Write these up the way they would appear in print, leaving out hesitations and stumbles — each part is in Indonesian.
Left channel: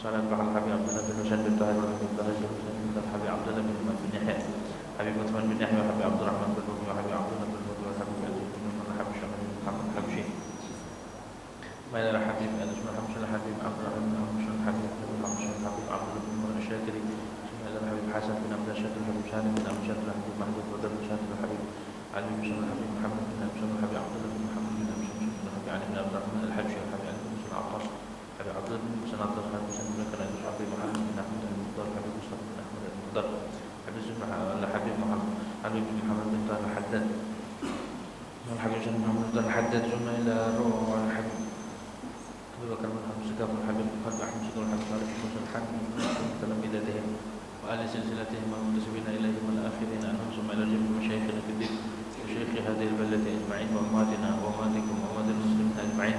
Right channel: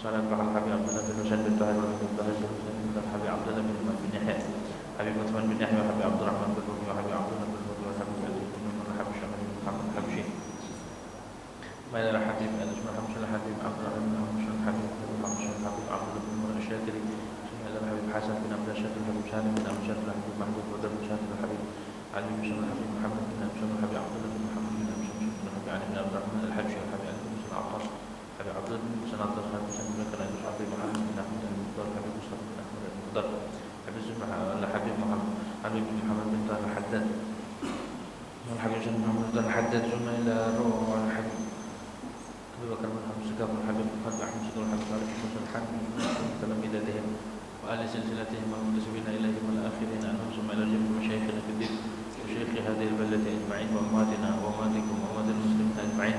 Salat Bahal Habib Abdullah bin Husain bin Tahir bin Tahir bin Husain bin Habib Abdullah bin Umar bin Yahya Habib Uthman bin Yahya Habib Abdurrahman bin Rumi Habib Abdullah bin Rumi Habib Aziz bin Umar Habib Syamil bin Muhammad Habsyi Maidar Habib Aziz bin Hamzah Habib Abdullah bin Hamzah Habib Habib Abdullah bin Umar Syakiri Maidar Habib Hasan bin Abdullah Syakir Habib Salim bin Abdullah Syakir Habib Mahmud bin Syakir Habib Ali bin Syakir Habib Muhammad bin Syakir Habib Abdullah bin Muhammad bin Syakir Habib Ali bin Abdurrahman Al-Habsyi Habib Ali bin Abbas Habib Abdullah bin Musannatas Habib Salim bin Habib Muhammad bin Ahmad Al-Muqtar Habib Mustafa bin Ahmad Al-Muqtar Habib Muhammad Habib Muhammad bin Tahir Al-Haddad Habib Muhammad bin Al-Haddad Zuma ila Ruh Al-Habib Abu Bakar bin Habib Segaf Al-Habib Habib Ahmad Segaf Al-Habib Al-Habib Al-Habib dalam bidatihim wa ahli silsilatihim wa muntasibina ilaihim wal-akhirin anhum summa ila jami'i masyayikhina fi din wa syaikhi hadhihi al-baldati ajma'in wa ummatina wa ummatikum wa ummatil muslimin ajma'in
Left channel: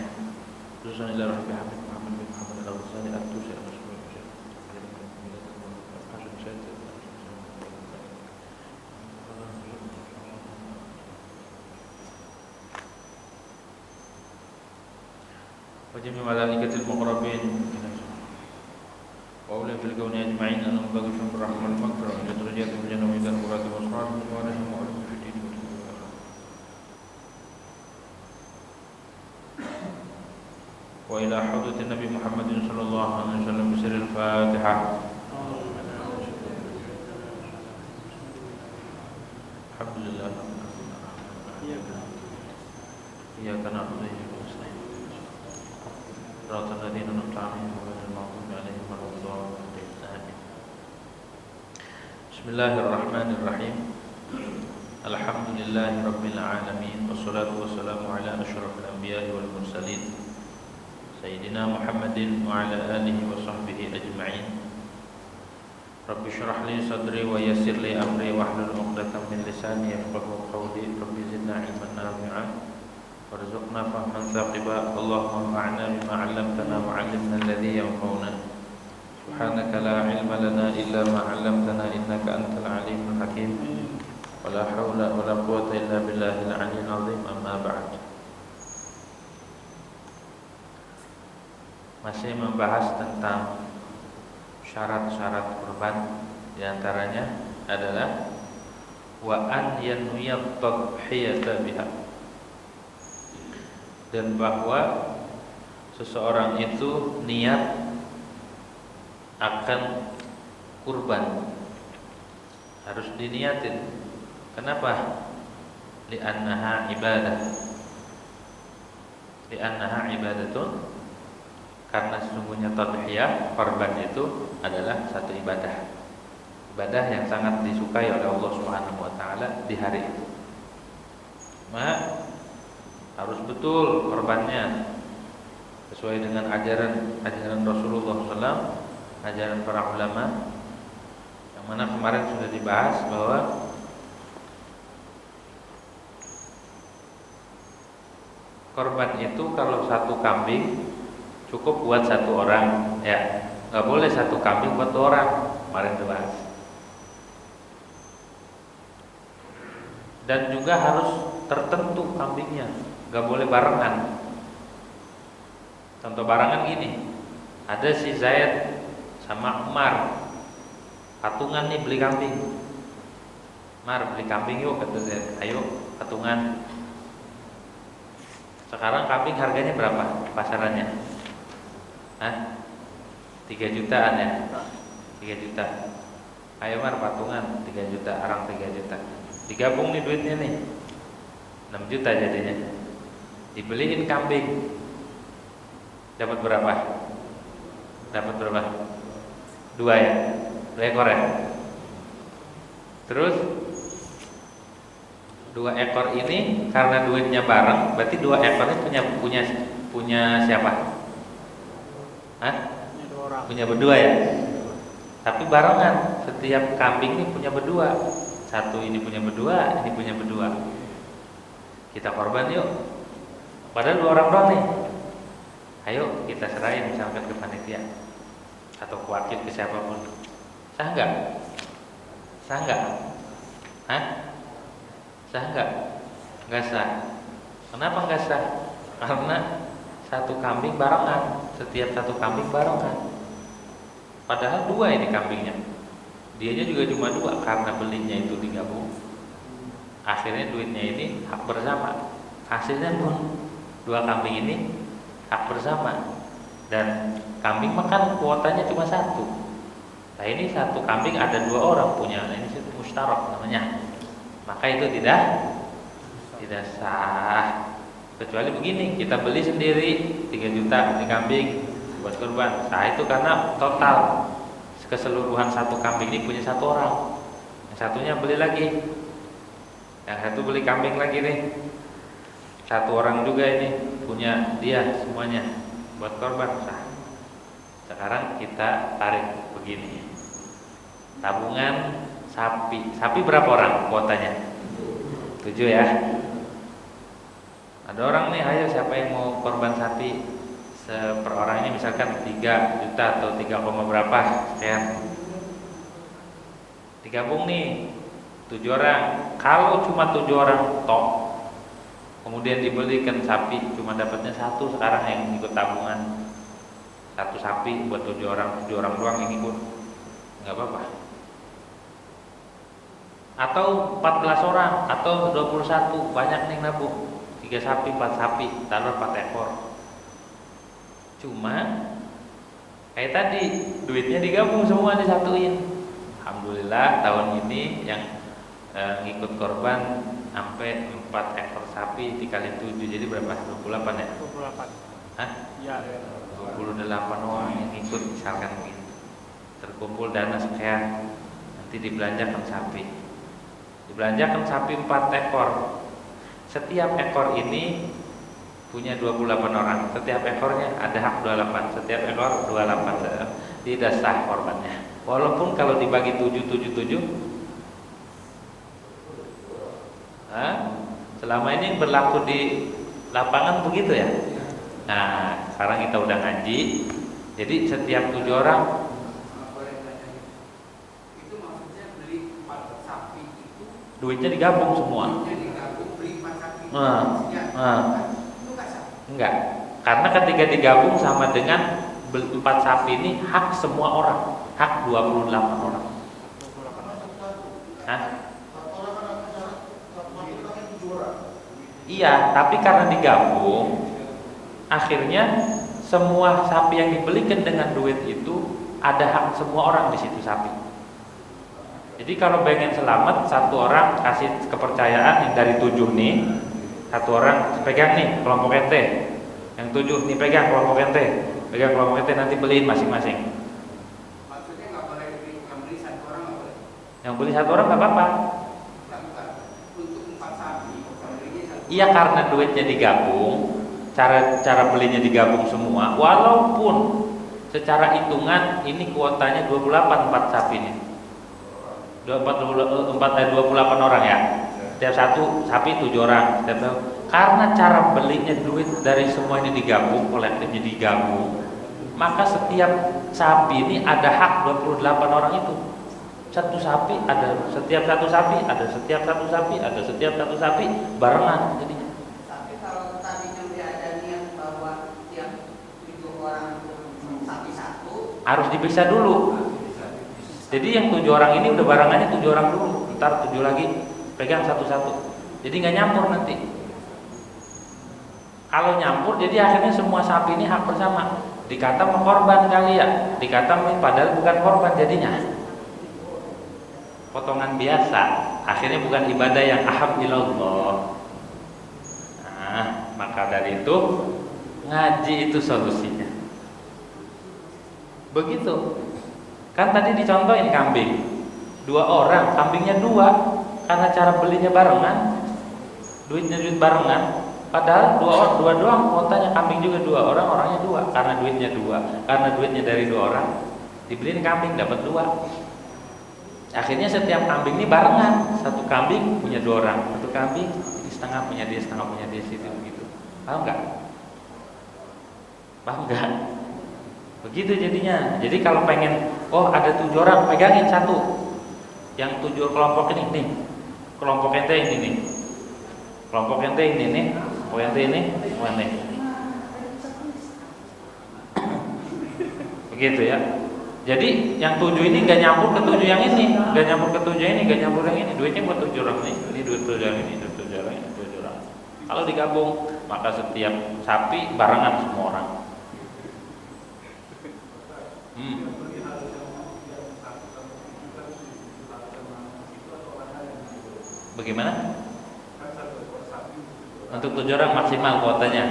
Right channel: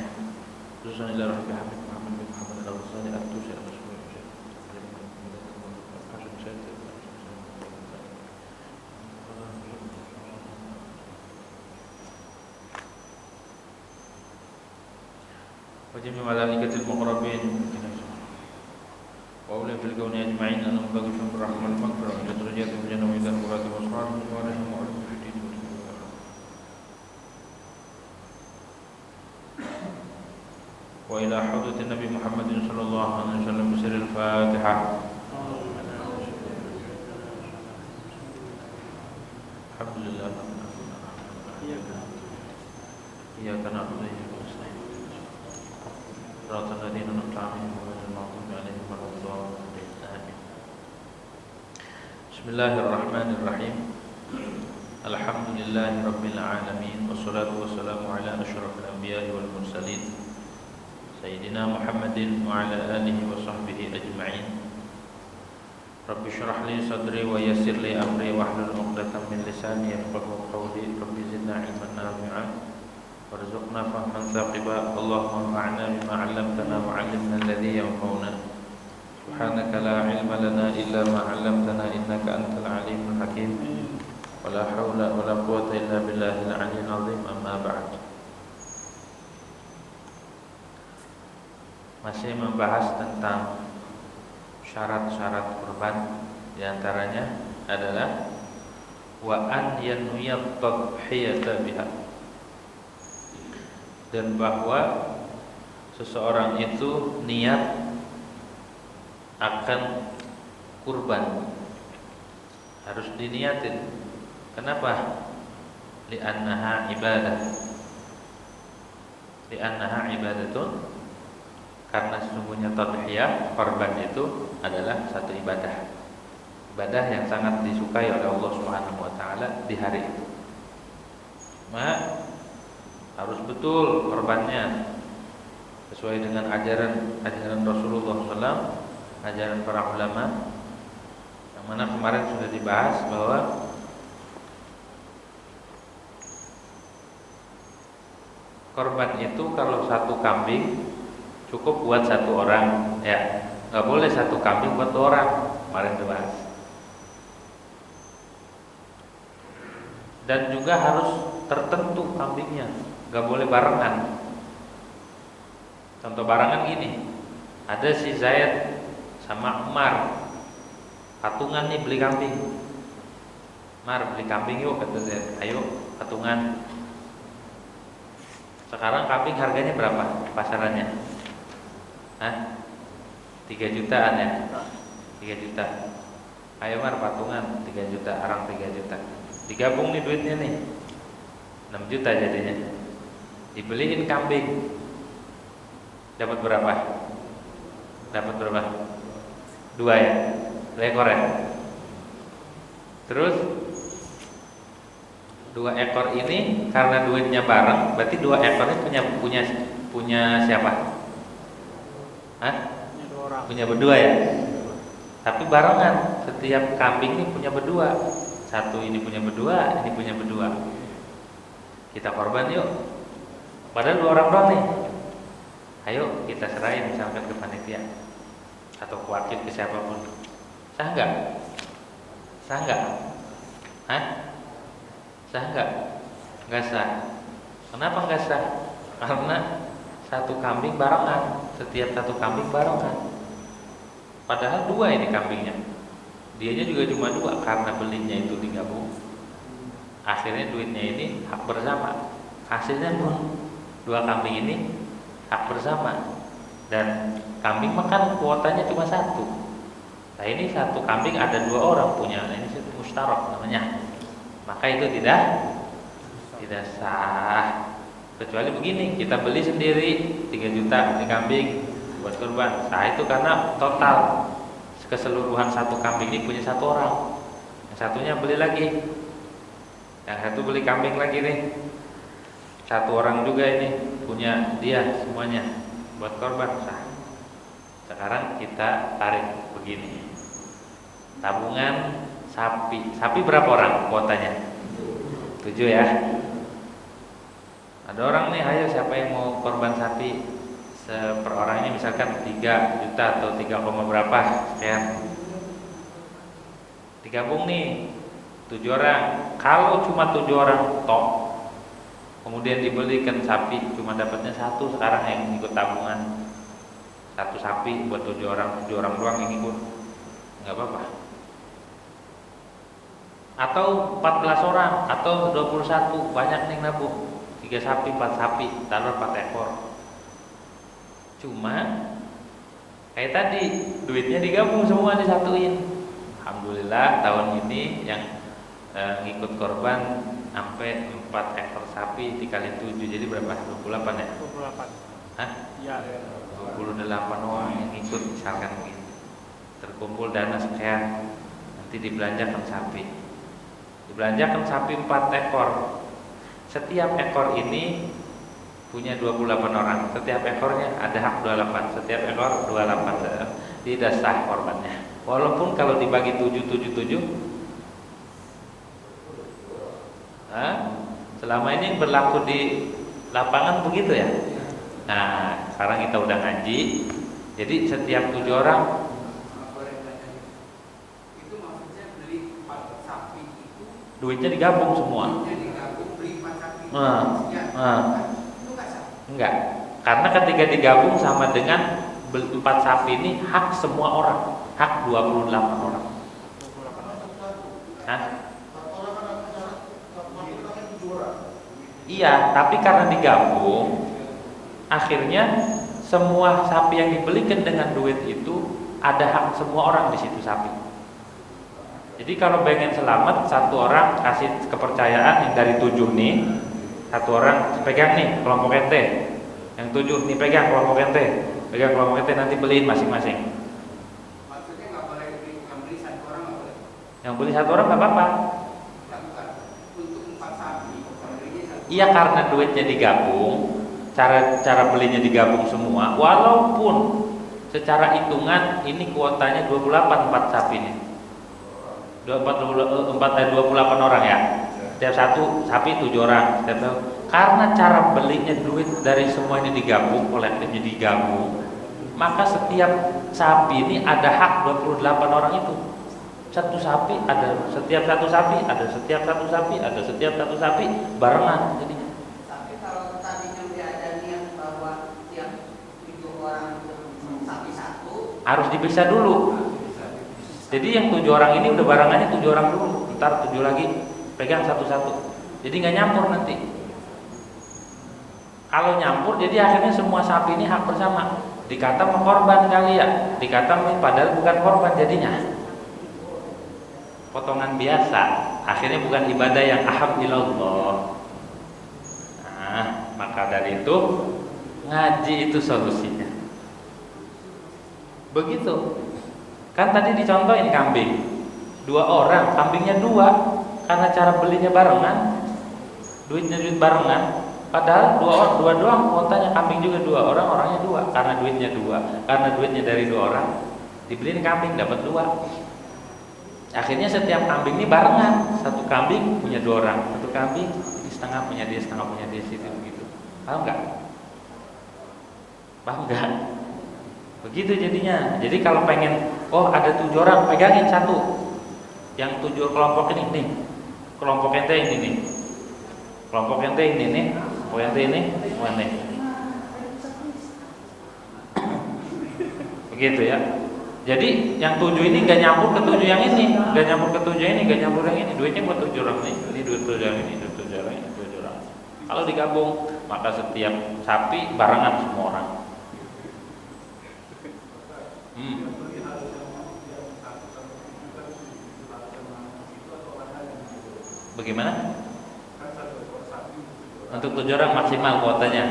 khususan ila Habib Habib Muhammad bin Muhammad Al-Ghazali At-Tusi وجميع ملائكة المقربين وأولي في الكون أجمعين أنهم بغوا بالرحمة والمغفرة إلى درجات من جنة ومن القرات والأسرار من وارهم وعلم في الدين وإلى حضرة النبي محمد صلى الله عليه وسلم بسر الفاتحة الحمد لله إياك نعبد وإياك نستعين صراط الذين أنعمت عليهم غير المغضوب عليهم ولا الضالين آمين. بسم الله الرحمن الرحيم. الحمد لله رب العالمين والصلاة والسلام على أشرف الأنبياء والمرسلين سيدنا محمد وعلى آله وصحبه أجمعين. رب اشرح لي صدري ويسر لي أمري واحلل عقدة من لساني يفقهوا قولي. رب زدنا علما نافعا وارزقنا فهما ثاقبا. اللهم انفعنا بما علمتنا وعلمنا الذي ينفعنا. سبحانك لا علم لنا إلا ما علمتنا إنك أنت العليم الحكيم. ولا حول ولا قوة إلا بالله العلي العظيم. أما بعد. Masih membahas tentang syarat-syarat kurban. Di antaranya adalah wa an yanwiyat tadhiyata biha, dan bahwa seseorang itu niat akan kurban, harus diniatin. Kenapa? Li'annaha ibadah. Li'annaha ibadatun, karena sesungguhnya tadhiyah, korban itu adalah satu ibadah. Ibadah yang sangat disukai oleh Allah Subhanahu wa taala di hari itu. Harus betul korbannya sesuai dengan ajaran Rasulullah SAW, ajaran para ulama, yang mana kemarin sudah dibahas bahwa korban itu kalau satu kambing cukup buat satu orang, ya, nggak boleh satu kambing buat dua orang. Kemarin dibahas. Dan juga harus tertentu kambingnya, nggak boleh barengan. Contoh barengan gini, ada si Zaid sama Umar, patungan nih beli kambing. Umar, beli kambing yuk, kata Zaid. Ayo patungan. Sekarang kambing harganya berapa pasarannya? 3 jutaan ya? 3 juta. Ayo Umar, patungan 3 juta, arang 3 juta. Digabung nih duitnya nih, 6 juta jadinya. Dibeliin kambing, dapat berapa? Dapat berapa? 2 ya? 2 ekor ya? Terus 2 ekor ini karena duitnya bareng, berarti 2 ekor ini punya siapa? Punya berdua ya? Tapi barengan, setiap kambing ini punya berdua. Satu ini punya berdua, ini punya berdua. Kita korban yuk. Padahal 2 orang doang nih. Ayo kita serahin misalkan ke panitia atau ke wakil, ke siapapun. Sah enggak? Sah enggak? Sah enggak? Enggak sah. Kenapa enggak sah? Karena satu kambing barengan, setiap satu kambing barengan. Padahal dua ini kambingnya. Dianya juga cuma dua karena belinya itu digabung. Akhirnya duitnya ini hak bersama. Hasilnya pun dua kambing ini hak bersama. Dan kambing makan kuotanya cuma satu. Nah ini satu kambing ada dua orang punya. Ini mustarok namanya. Maka itu tidak sah. Kecuali begini, kita beli sendiri 3 juta di kambing buat kurban. Nah itu karena total keseluruhan satu kambing ini punya satu orang. Yang satunya beli lagi. Yang satu beli kambing lagi nih. Satu orang juga ini punya dia semuanya buat korban. Nah, sekarang kita tarik begini. Tabungan sapi. Sapi berapa orang kuotanya? 7 ya. Ada orang nih, ayo siapa yang mau korban sapi per orangnya misalkan 3 juta atau 3, berapa sekian. Digabung nih 7 orang. Kalau cuma 7 orang tok, kemudian dibelikan sapi cuma dapatnya 1 sekarang yang ikut tabungan. 1 sapi buat 7 orang doang yang ikut. Enggak apa-apa. Atau 14 orang atau 21, banyak nih nabung. 3 sapi, 4 sapi, taruh 4 ekor. Cuma kayak tadi duitnya digabung semua disatuin. Alhamdulillah tahun ini yang ngikut korban sampai 4 ekor sapi dikali 7 jadi berapa? 28 ya? 28. Hah? Iya. 28 orang yang ikut misalkan begitu. Terkumpul dana sekian, nanti dibelanjakan sapi. Dibelanjakan sapi 4 ekor. Setiap ekor ini punya 28 orang. Setiap ekornya ada hak 28. Setiap ekor 28. Tidak sah korbannya. Walaupun kalau dibagi 7. Selama ini berlaku di lapangan begitu ya. Nah, sekarang kita udah ngaji. Jadi setiap 7 orang itu maksudnya beli 4 sapi itu duitnya digabung semua. Enggak. Karena ketika digabung sama dengan 4 sapi ini hak semua orang, hak 28 orang. Hah? Iya, tapi karena digabung, akhirnya semua sapi yang dibelikan dengan duit itu ada hak semua orang di situ sapi. Jadi kalau pengen selamat, 1 orang kasih kepercayaan yang dari 7 nih. 1 orang pegang nih kelompok ente, yang 7 nih pegang kelompok ente, pegang kelompok ente, nanti beliin masing-masing. Maksudnya nggak boleh yang beli 1 orang nggak boleh? Yang beli 1 orang nggak apa-apa. Untuk 4 sapi. Iya karena duitnya digabung, cara belinya digabung semua. Walaupun secara hitungan ini kuotanya 28 4 sapi ini. 28 orang ya. Setiap 1 sapi 7 orang. Karena cara belinya duit dari semua ini digabung, kolektifnya digabung, maka setiap sapi ini ada hak 28 orang itu. Setiap 1 sapi ada, setiap 1 sapi barengan jadinya. Tapi kalau tadinya dia ada niat bahwa tiap 7 orang sapi 1 harus dipisah dulu. Jadi yang 7 orang ini udah barengannya 7 orang dulu, ntar 7 lagi pegang satu-satu. Jadi nggak nyampur nanti. Kalau nyampur, jadi akhirnya semua sapi ini hak bersama. Dikata korban kali ya, dikata padahal bukan korban jadinya. Potongan biasa, akhirnya bukan ibadah yang ahab ilallah. Nah, maka dari itu ngaji itu solusinya. Begitu. Kan tadi dicontohin kambing. 2 orang, kambingnya 2. Karena cara belinya barengan, duit barengan. Padahal 2 doang kuotanya, kambing juga 2 orang, orangnya 2. Karena duitnya 2, karena duitnya dari 2 orang, dibeliin kambing dapat 2. Akhirnya setiap kambing ini barengan. 1 kambing punya 2 orang, 1 kambing ini setengah punya dia, setengah punya dia, situ begitu. Paham nggak? Paham nggak? Begitu jadinya. Jadi kalau pengen, ada 7 orang, pegangin 1. Yang 7 kelompok ini nih. Kelompok ente ini nih. Kelompok ente ini nih. Kelompok ente ini, ini. Begitu ya. Jadi yang 7 ini nggak nyampur ke 7 yang ini, nggak nyampur ke 7 ini, nggak nyampur yang ini. Duitnya buat 7 orang ini duit 7 orang ini, duit 7 orang ini, 7 orang. Kalau digabung, maka setiap sapi barengan semua orang. Bagaimana? Untuk 7 orang maksimal kuotanya.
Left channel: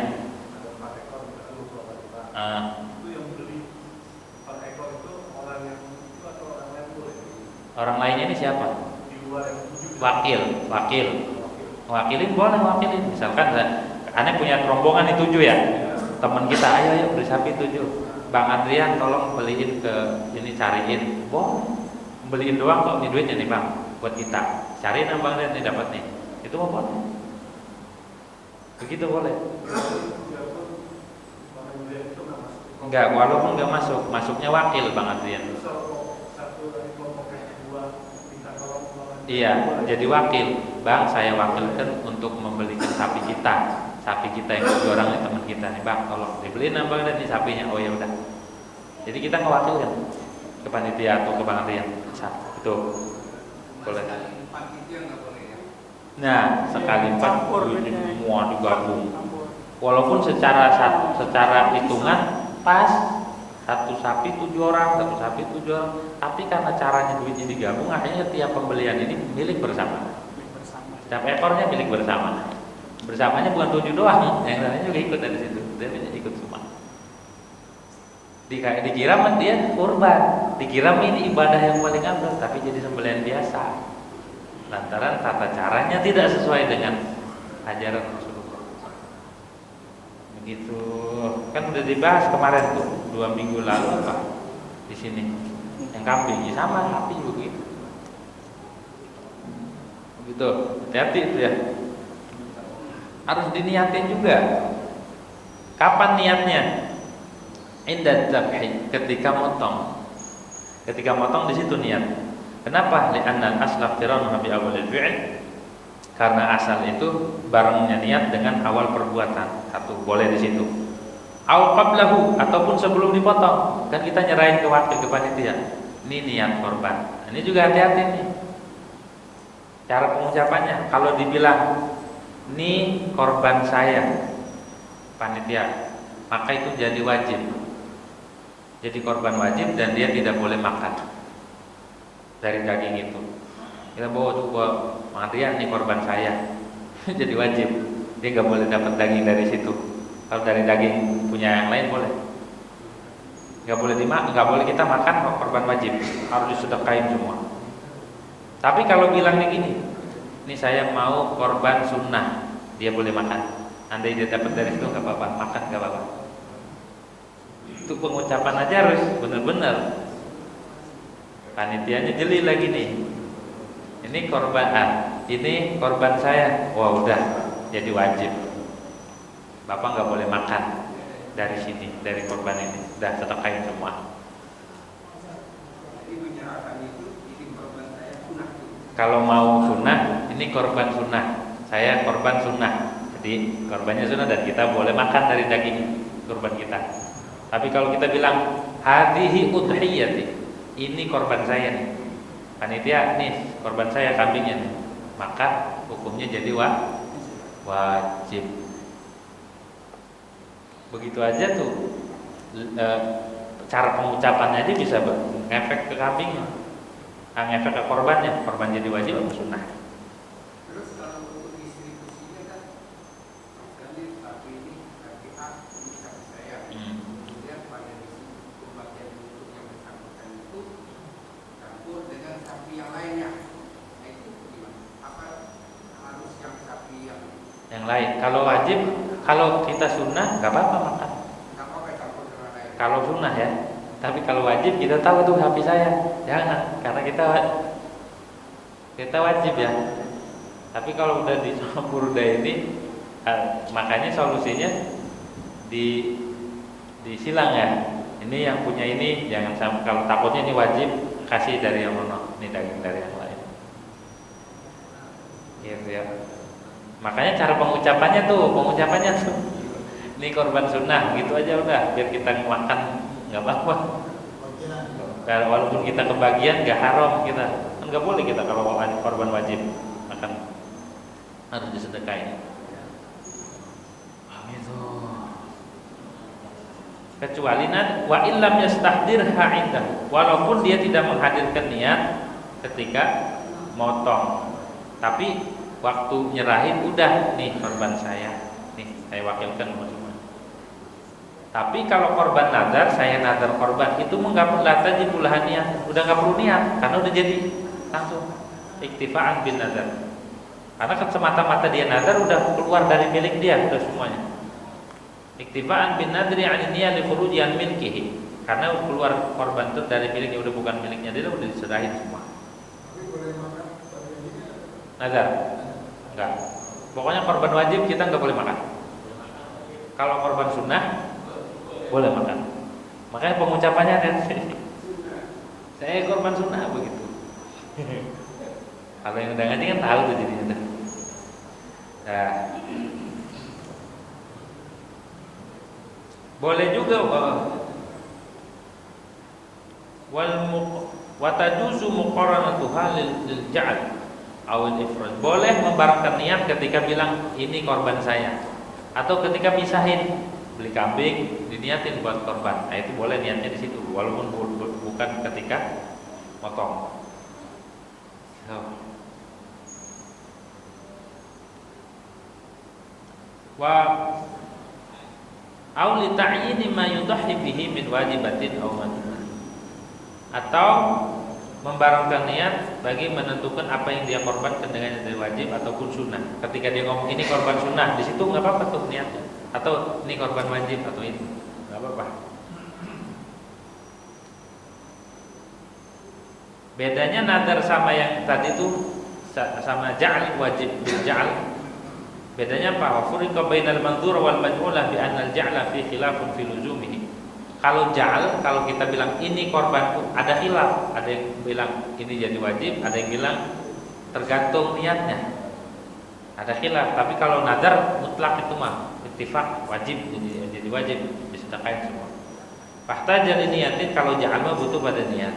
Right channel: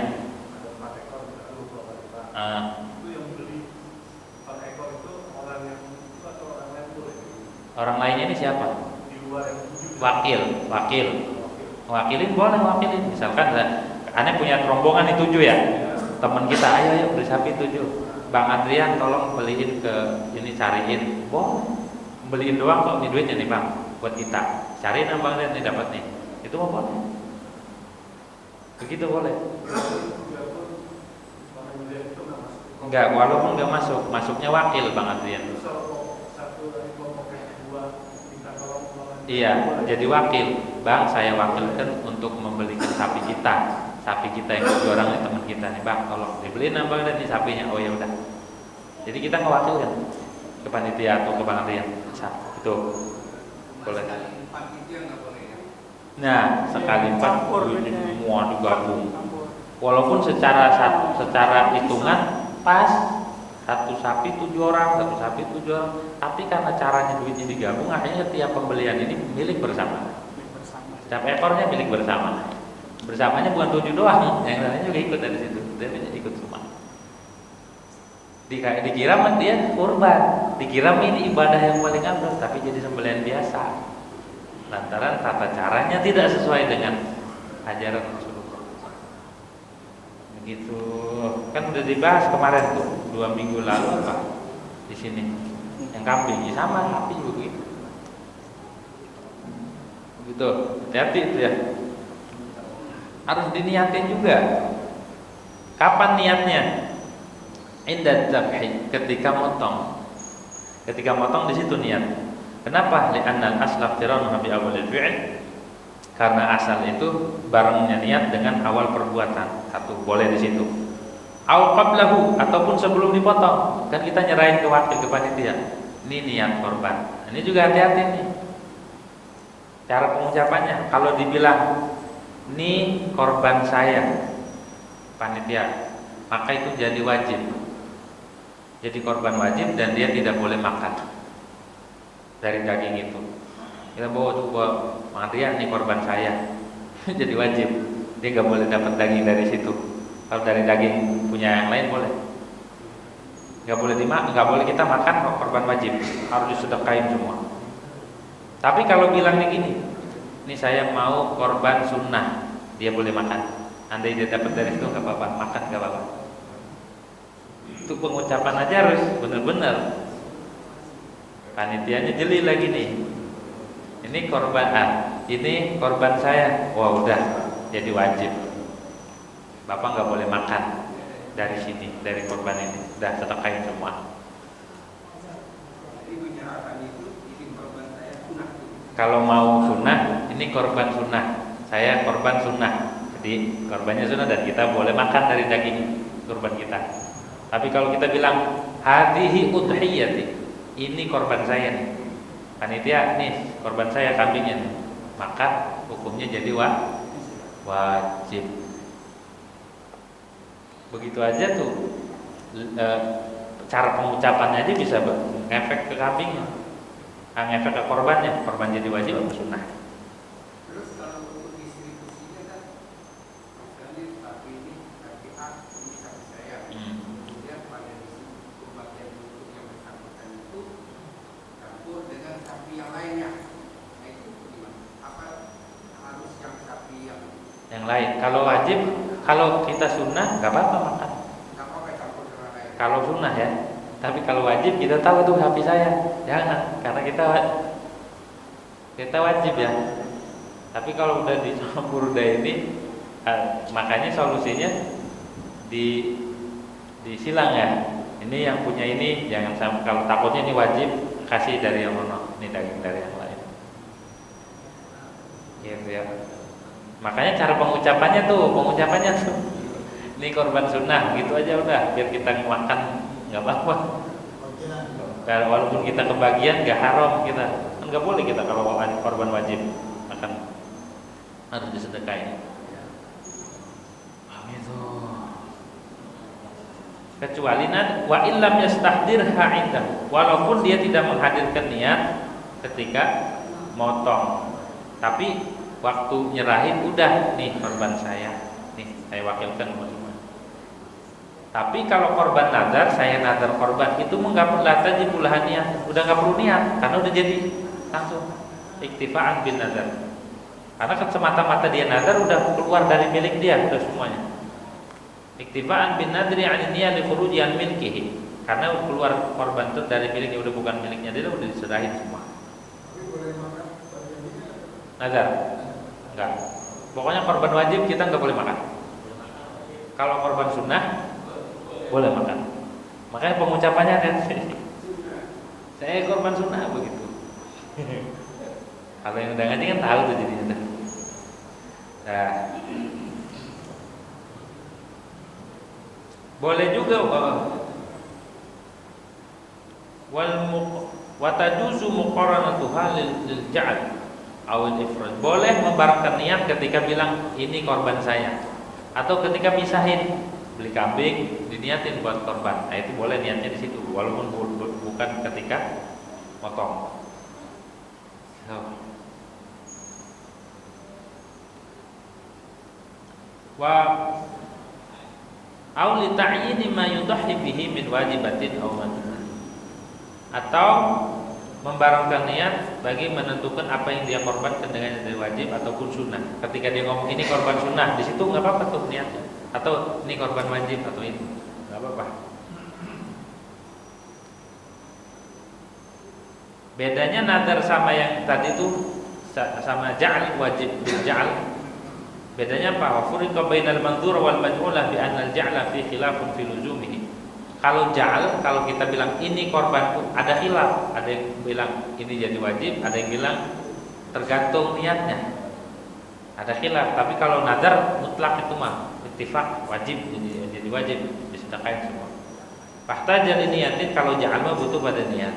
Orang lainnya ini siapa? Wakilin boleh wakilin. Misalkan aneh punya rombongan ini 7 ya. Teman kita, ayo beli sapi 7. Bang Adrian tolong beliin ke ini, cariin. Boleh. Beliin doang kok, ini duitnya nih Bang, buat kita. Cariin Bang Adrian nih dapat nih. Itu mau boleh. Begitu boleh. Enggak, walaupun enggak masuk, masuknya wakil Bang Adrian. Iya, jadi wakil. Bang, saya wakilkan untuk membelikan sapi kita. Sapi kita yang 7 orang ini teman kita nih, Bang, tolong dibeliin Bang dan nih sapinya. Oh ya udah. Jadi kita ngewakilkan ke panitia atau ke Bang Adrian. Itu boleh. Nah, sekali 4 semua digabung. Walaupun secara hitungan pas, satu sapi 7 orang, satu sapi 7 orang, tapi karena caranya duitnya digabung, akhirnya setiap pembelian ini milik bersama. Setiap ekornya milik bersama. Bersamanya bukan 7 doang, yang lainnya juga ikut dari situ. Dia ikut semua. Dikira dia kurban, dikira ini ibadah yang paling afdal, tapi jadi sembelihan biasa. Lantaran tata caranya tidak sesuai dengan ajaran Rasulullah. Begitu. Kan udah dibahas kemarin tuh 2 minggu lalu apa di sini yang kambing ya sama sapi begitu. Begitu, hati-hati itu ya. Harus diniatin juga. Kapan niatnya? Indah dzabhi, ketika motong. Ketika motong di situ niat. Kenapa? Li'anna al-asla iqtiranuha bi awwalil fi'l. Karena asal itu barengnya niat dengan awal perbuatan. Satu boleh di situ. Au qablahu, ataupun sebelum dipotong. Kan kita nyerahin ke wakil, ke panitia. Ini niat korban. Ini juga hati-hati nih. Cara pengucapannya, kalau dibilang ini korban saya, panitia, maka itu jadi wajib. Jadi korban wajib dan dia tidak boleh makan dari daging itu. Kita bawa tuh panitia, ini korban saya, jadi wajib. Dia nggak boleh dapat daging dari situ. Kalau dari daging punya yang lain boleh. Nggak boleh kita makan korban wajib, harus disedekahin semua. Tapi kalau bilangnya gini, ini saya mau korban sunnah, dia boleh makan. Andai dia dapat dari situ nggak apa-apa, makan nggak apa-apa. Itu pengucapan aja harus benar-benar. Panitianya jeli lagi nih. Ini korban saya. Wah udah, jadi wajib. Bapak nggak boleh makan dari sini, dari korban ini. Udah sedekahin semua. Kalau mau sunnah, ini korban sunnah. Saya korban sunnah. Jadi korbannya sunnah dan kita boleh makan dari daging korban kita. Tapi kalau kita bilang hadhihi udhiyati, ini korban saya nih. Panitia nih, korban saya kambingnya nih. Maka hukumnya jadi wajib. Begitu aja tuh. Cara pengucapannya aja bisa ngefek ke kambingnya. Ngefek ke korbannya, korban jadi wajib atau sunnah. Terus kalau untuk distribusinya kan, misalnya sapi ini sapi A, ini sapi saya. Kemudian pada bagian untuk yang bersangkutan itu campur dengan sapi yang lainnya. Nah itu gimana? Apa harus yang sapi yang lain? Kalau wajib, kalau kita sunnah nggak apa-apa makan. Nggak apa-apa campur dengan lain. Kalau sunnah ya. Tapi kalau wajib kita tahu itu sapi saya, jangan, karena kita wajib ya. Tapi kalau udah dicampur ini, makanya solusinya disilang ya. Ini yang punya ini jangan sampai, kalau takutnya ini wajib kasih dari yang mana, ini daging dari yang lain. Gitu ya. Makanya cara pengucapannya tuh, ini korban sunnah gitu aja udah, biar kita makan nggak apa-apa. Walaupun kita kebagian nggak haram kita, kan nggak boleh kita kalau korban wajib makan harus disedekain. Itu. Kecuali wa illam yastahdirha indah, walaupun dia tidak menghadirkan niat ketika motong, tapi waktu nyerahin udah nih korban saya, nih saya wakilkan semua. Tapi kalau korban nazar, saya nazar korban itu enggak lataji pulahan niat, udah nggak perlu niat karena udah jadi langsung iktifaan bin nazar. Karena kan semata-mata dia nazar udah keluar dari milik dia, udah semuanya. Iktifaan bin nadri 'an niyat li khuruji an milkihi. Karena keluar korban itu dari miliknya, udah bukan miliknya dia, udah diserahin semua. Nazar? Enggak. Pokoknya korban wajib kita enggak boleh makan. Kalau korban sunnah boleh makan. Makanya pengucapannya kan saya korban sunnah begitu. Kalau yang udah ngaji kan tahu tuh jadinya. Nah, boleh juga wa tajuzu muqaranatuha lil ja'al awal ifrad. Boleh membarengkan niat ketika bilang ini korban saya, atau ketika misahin beli kambing diniatin buat korban. Nah, itu boleh niatnya di situ walaupun bukan ketika motong. Wa au li ta'yini ma yudahhi bihi min wajibatin aw mandubin, atau membarengkan niat bagi menentukan apa yang dia korbankan dengan dari wajib ataupun sunnah. Ketika dia ngomong ini korban sunnah, di situ nggak apa-apa tuh niatnya. Atau ini korban wajib atau ini nggak apa-apa. Bedanya nadar sama yang tadi tuh sama ja'al wajib bil ja'al. Bedanya apa? Wa furiqa bainal mandzur wal maj'ulah bi anna al-ja'la fi khilafun fi luzumihi. Kalau ja'al, kalau kita bilang ini korbanku, ada khilaf. Ada yang bilang ini jadi wajib, ada yang bilang tergantung niatnya. Ada khilaf. Tapi kalau nadar mutlak itu mah ittifaq wajib, jadi wajib disedekain semua. Fahtaja li niyatin, kalau ja'al mah butuh pada niat.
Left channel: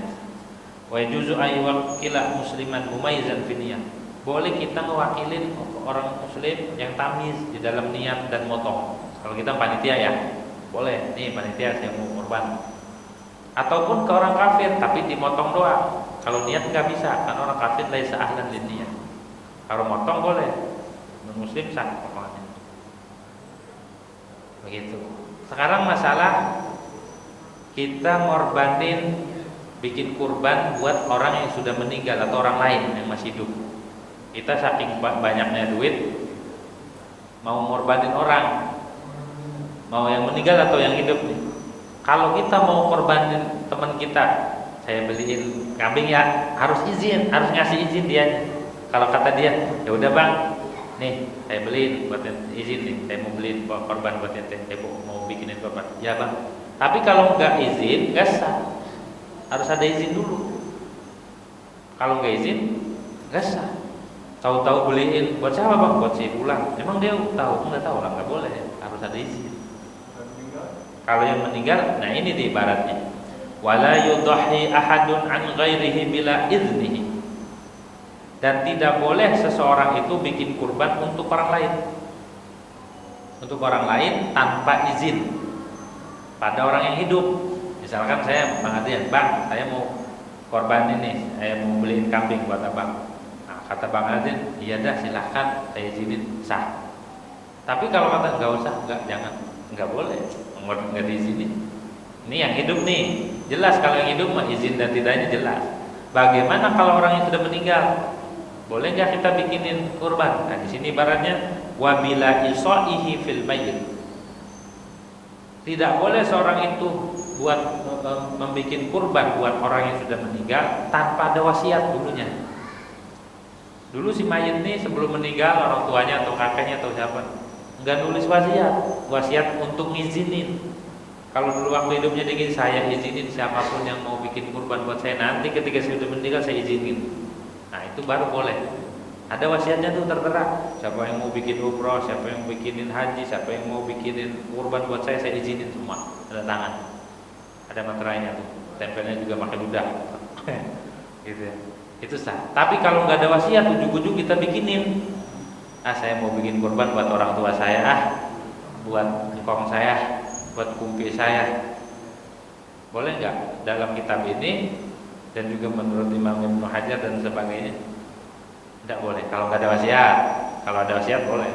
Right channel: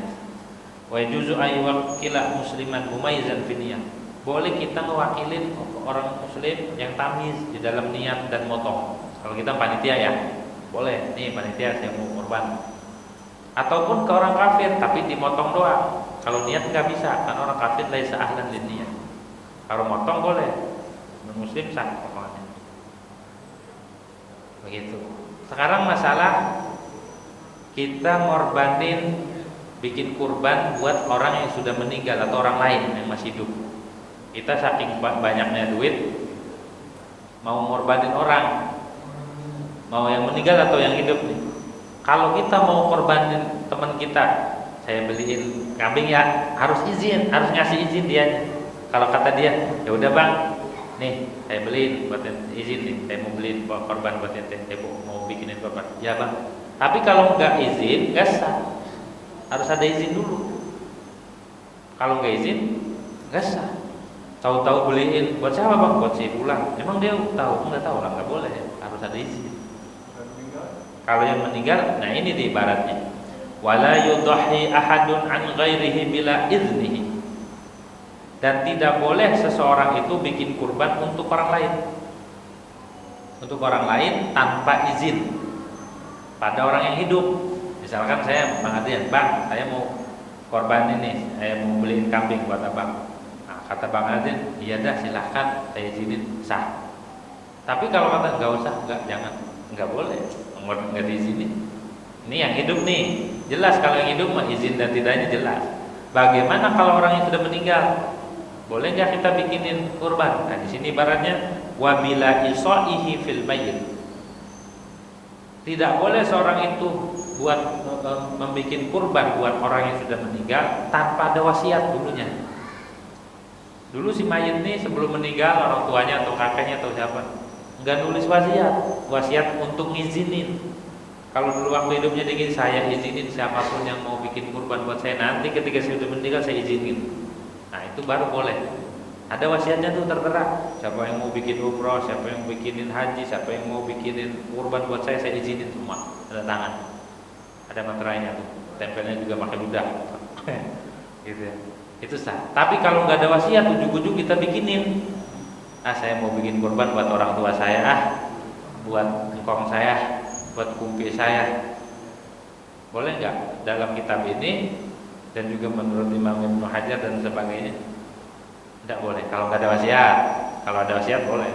Wa yajuzu ay wakila musliman mumayyizan fi niyat. Boleh kita mewakilin orang muslim yang tamiz di dalam niat dan motong. Kalau kita panitia ya, boleh. Nih panitia saya mau korban. Ataupun ke orang kafir tapi dimotong doang. Kalau niat nggak bisa, kan orang kafir laisa ahlan lin niyat. Kalau motong boleh. Muslim sah potongannya. Begitu. Sekarang masalah kita ngorbanin bikin kurban buat orang yang sudah meninggal atau orang lain yang masih hidup. Kita saking banyaknya duit mau ngorbanin orang, mau yang meninggal atau yang hidup nih. Kalau kita mau korbanin teman kita, saya beliin kambing ya harus izin, harus ngasih izin dia. Kalau kata dia, ya udah bang, nih saya beliin buat izin nih, saya mau beliin korban buat ente, saya mau bikinin korban. Ya bang. Tapi kalau nggak izin, nggak sah. Harus ada izin dulu. Kalau nggak izin, nggak sah. Tahu-tahu beliin buat siapa bang? Buat si pulang. Emang dia tahu? Nggak tahu lah, nggak boleh. Harus ada izin. Kalau yang meninggal, nah ini di ibaratnya. Wala yudhi ahadun an ghairihi bila iznihi. Dan tidak boleh seseorang itu bikin kurban untuk orang lain. Untuk orang lain tanpa izin pada orang yang hidup. Misalkan saya Bang Adrian, bang, saya mau korban ini, saya mau beliin kambing buat abang. Nah, kata Bang Adrian, iya dah silahkan, saya izinin, sah. Tapi kalau kata nggak usah, nggak boleh, nggak diizinin. Ini yang hidup nih, jelas kalau yang hidup mah izin dan tidaknya jelas. Bagaimana kalau orang yang sudah meninggal? Boleh nggak kita bikinin kurban? Nah di sini ibaratnya wabila isaihi fil mayyit. Tidak boleh seorang itu buat membikin kurban buat orang yang sudah meninggal tanpa ada wasiat dulunya. Dulu si mayit ini sebelum meninggal orang tuanya atau kakeknya atau siapa nggak nulis wasiat untuk ngizinin. Kalau dulu waktu hidupnya dingin, saya izinin siapapun yang mau bikin kurban buat saya, nanti ketika saya sudah meninggal saya izinin. Nah itu baru boleh. Ada wasiatnya tuh tertera. Siapa yang mau bikin umroh, siapa yang mau bikinin haji, siapa yang mau bikinin kurban buat saya izinin semua. Ada tangan, ada meterainya tuh. tempelnya juga pakai ludah. Gitu ya. Itu sah. Tapi kalau nggak ada wasiat, ujug-ujug kita bikinin. Saya mau bikin kurban buat orang tua saya, buat engkong saya, buat kumpi saya. Boleh nggak dalam kitab ini dan juga menurut Imam Ibnu Hajar dan sebagainya? Tidak boleh. Kalau nggak ada wasiat. Kalau ada wasiat boleh.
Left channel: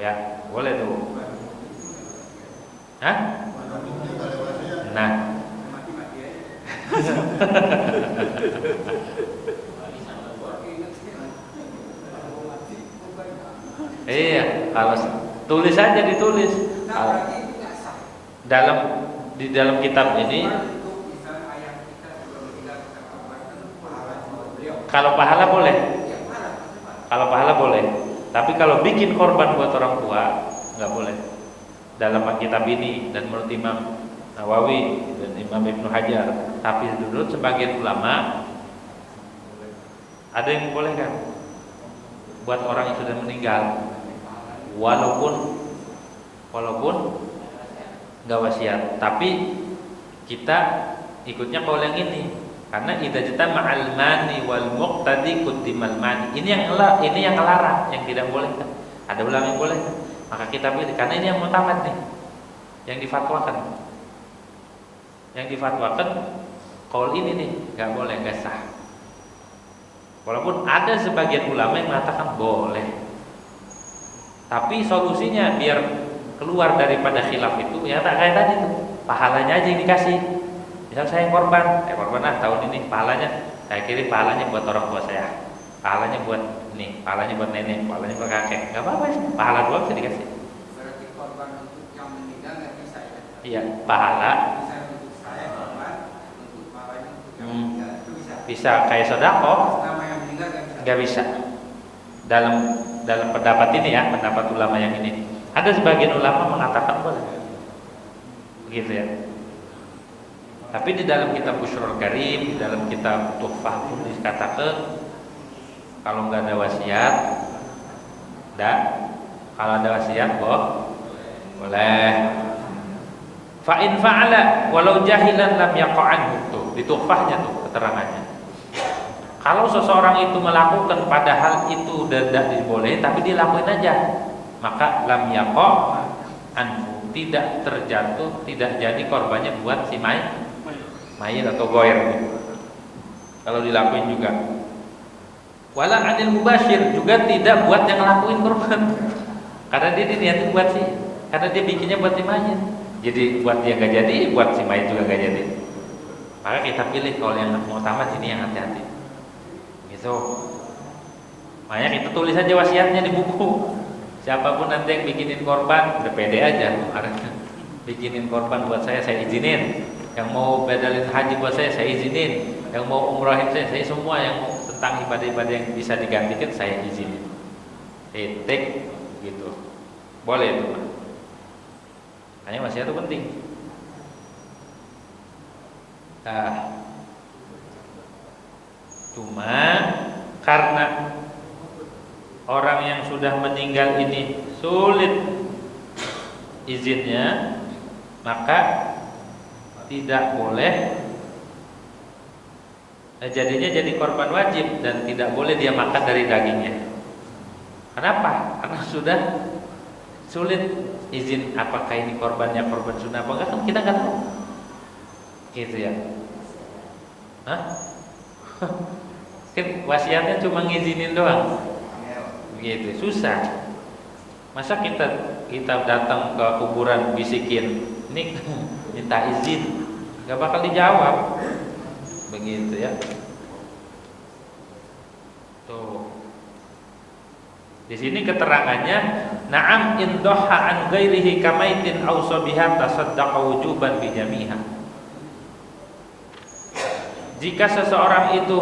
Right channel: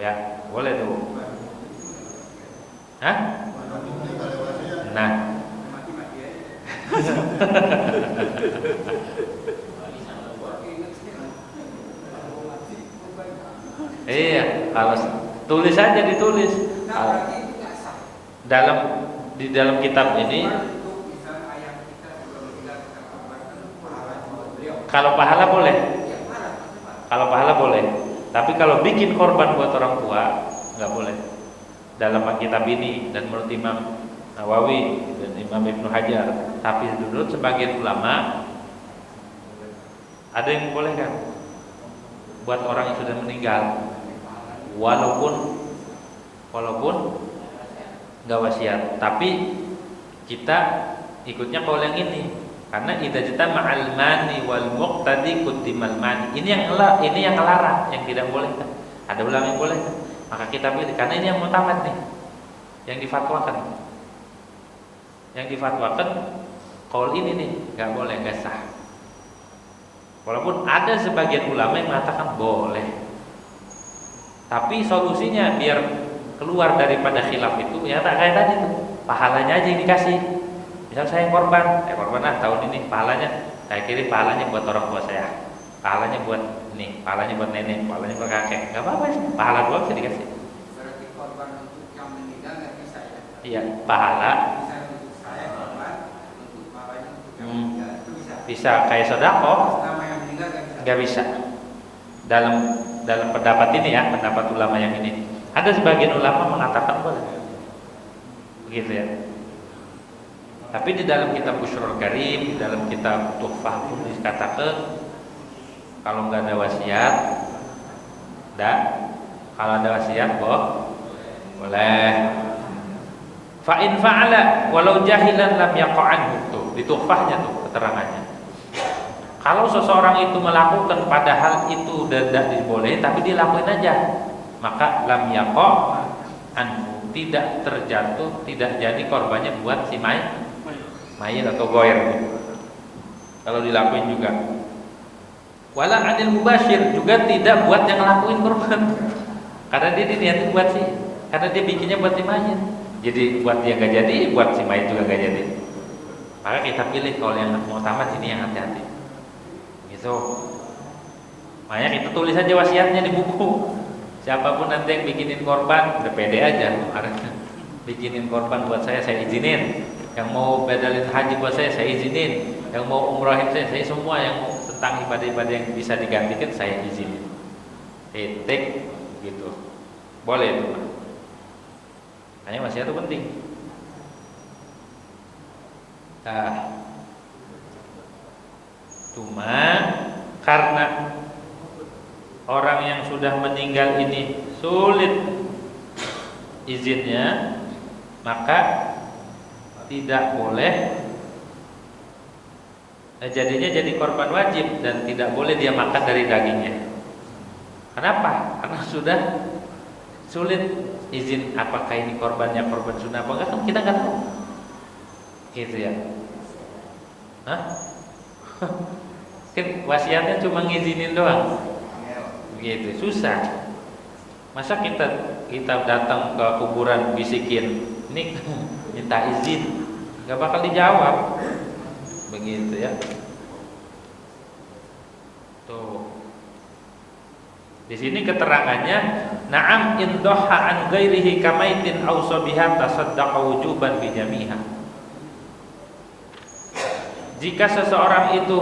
Ya, boleh tuh. Hah? Nah. Iya, kalau tulis aja ditulis. Di dalam kitab ini kalau pahala boleh. Kalau pahala boleh. Tapi kalau bikin korban buat orang tua nggak boleh. Dalam kitab ini dan menurut Imam Nawawi dan Imam Ibnu Hajar, tapi menurut sebagian ulama ada yang boleh kan buat orang yang sudah meninggal, walaupun nggak wasiat, tapi kita ikutnya kalau yang ini karena idza jama'al mani wal muqtadi quddimal mani. Ini yang ngelarang, yang tidak boleh kan. Ada ulama yang boleh kan? Maka kita pilih karena ini yang mutamat nih, yang difatwakan. Yang difatwakan qaul ini nih nggak boleh, nggak sah. Walaupun ada sebagian ulama yang mengatakan boleh, tapi solusinya biar keluar daripada khilaf itu ya tak kayak tadi tuh, pahalanya aja yang dikasih. Misal saya korban tahun ini, pahalanya saya kirim pahalanya buat orang tua saya, pahalanya buat ini, pahalanya buat nenek, pahalanya buat kakek, nggak apa-apa sih, pahala doang bisa dikasih. Berarti korban untuk yang meninggal nggak bisa ya? Iya, pahala. Bisa untuk saya korban, untuk pahalanya untuk yang meninggal itu bisa. Bisa kayak sedekah. Nama yang meninggal Nggak bisa. Dalam pendapat ini ya, pendapat ulama yang ini, ada sebagian ulama mengatakan boleh, begitu ya. Tapi di dalam kitab Bushrul Karim, di dalam kitab Tuhfah pun dikatakan kalau nggak ada wasiat, kalau ada wasiat boleh. Fa in fa'ala walau jahilan lam yaqa'an, tuh di Tuhfahnya tuh keterangannya. Kalau seseorang itu melakukan padahal itu tidak dibolehin tapi dilakuin aja, maka lam yaqa'an, tidak terjatuh, tidak jadi korbannya buat si mayit atau goer. Kalau dilakuin juga. Wala anil mubashir, juga tidak buat yang ngelakuin korban. Karena dia diniatin buat si, karena dia bikinnya buat si mayit. Jadi buat dia gak jadi, buat si mayit juga gak jadi. Maka kita pilih kalau yang mau tamat ini yang hati-hati. Gitu. Makanya kita tulis aja wasiatnya di buku. Siapapun nanti yang bikinin korban, udah pede aja. Bikinin korban buat saya izinin. Yang mau badalin haji buat saya izinin. Yang mau umrahin saya semua yang mau tentang ibadah-ibadah yang bisa digantikan saya izinin. Titik gitu. Boleh itu mah. Hanya wasiat itu penting. Nah, cuma karena orang yang sudah meninggal ini sulit izinnya, maka tidak boleh, jadinya jadi korban wajib dan tidak boleh dia makan dari dagingnya. Kenapa? Karena sudah sulit izin apakah ini korbannya korban sunnah apa enggak, kan kita nggak tahu. Gitu ya. Hah? Kan wasiatnya cuma ngizinin doang. Begitu, susah. Masa kita datang ke kuburan bisikin, ini minta izin, nggak bakal dijawab. Begitu ya. Tuh. Di sini keterangannya, na'am in dhaha an ghairihi kamaitin aw sabiha tasaddaqa wujuban bi jamiha. Jika seseorang itu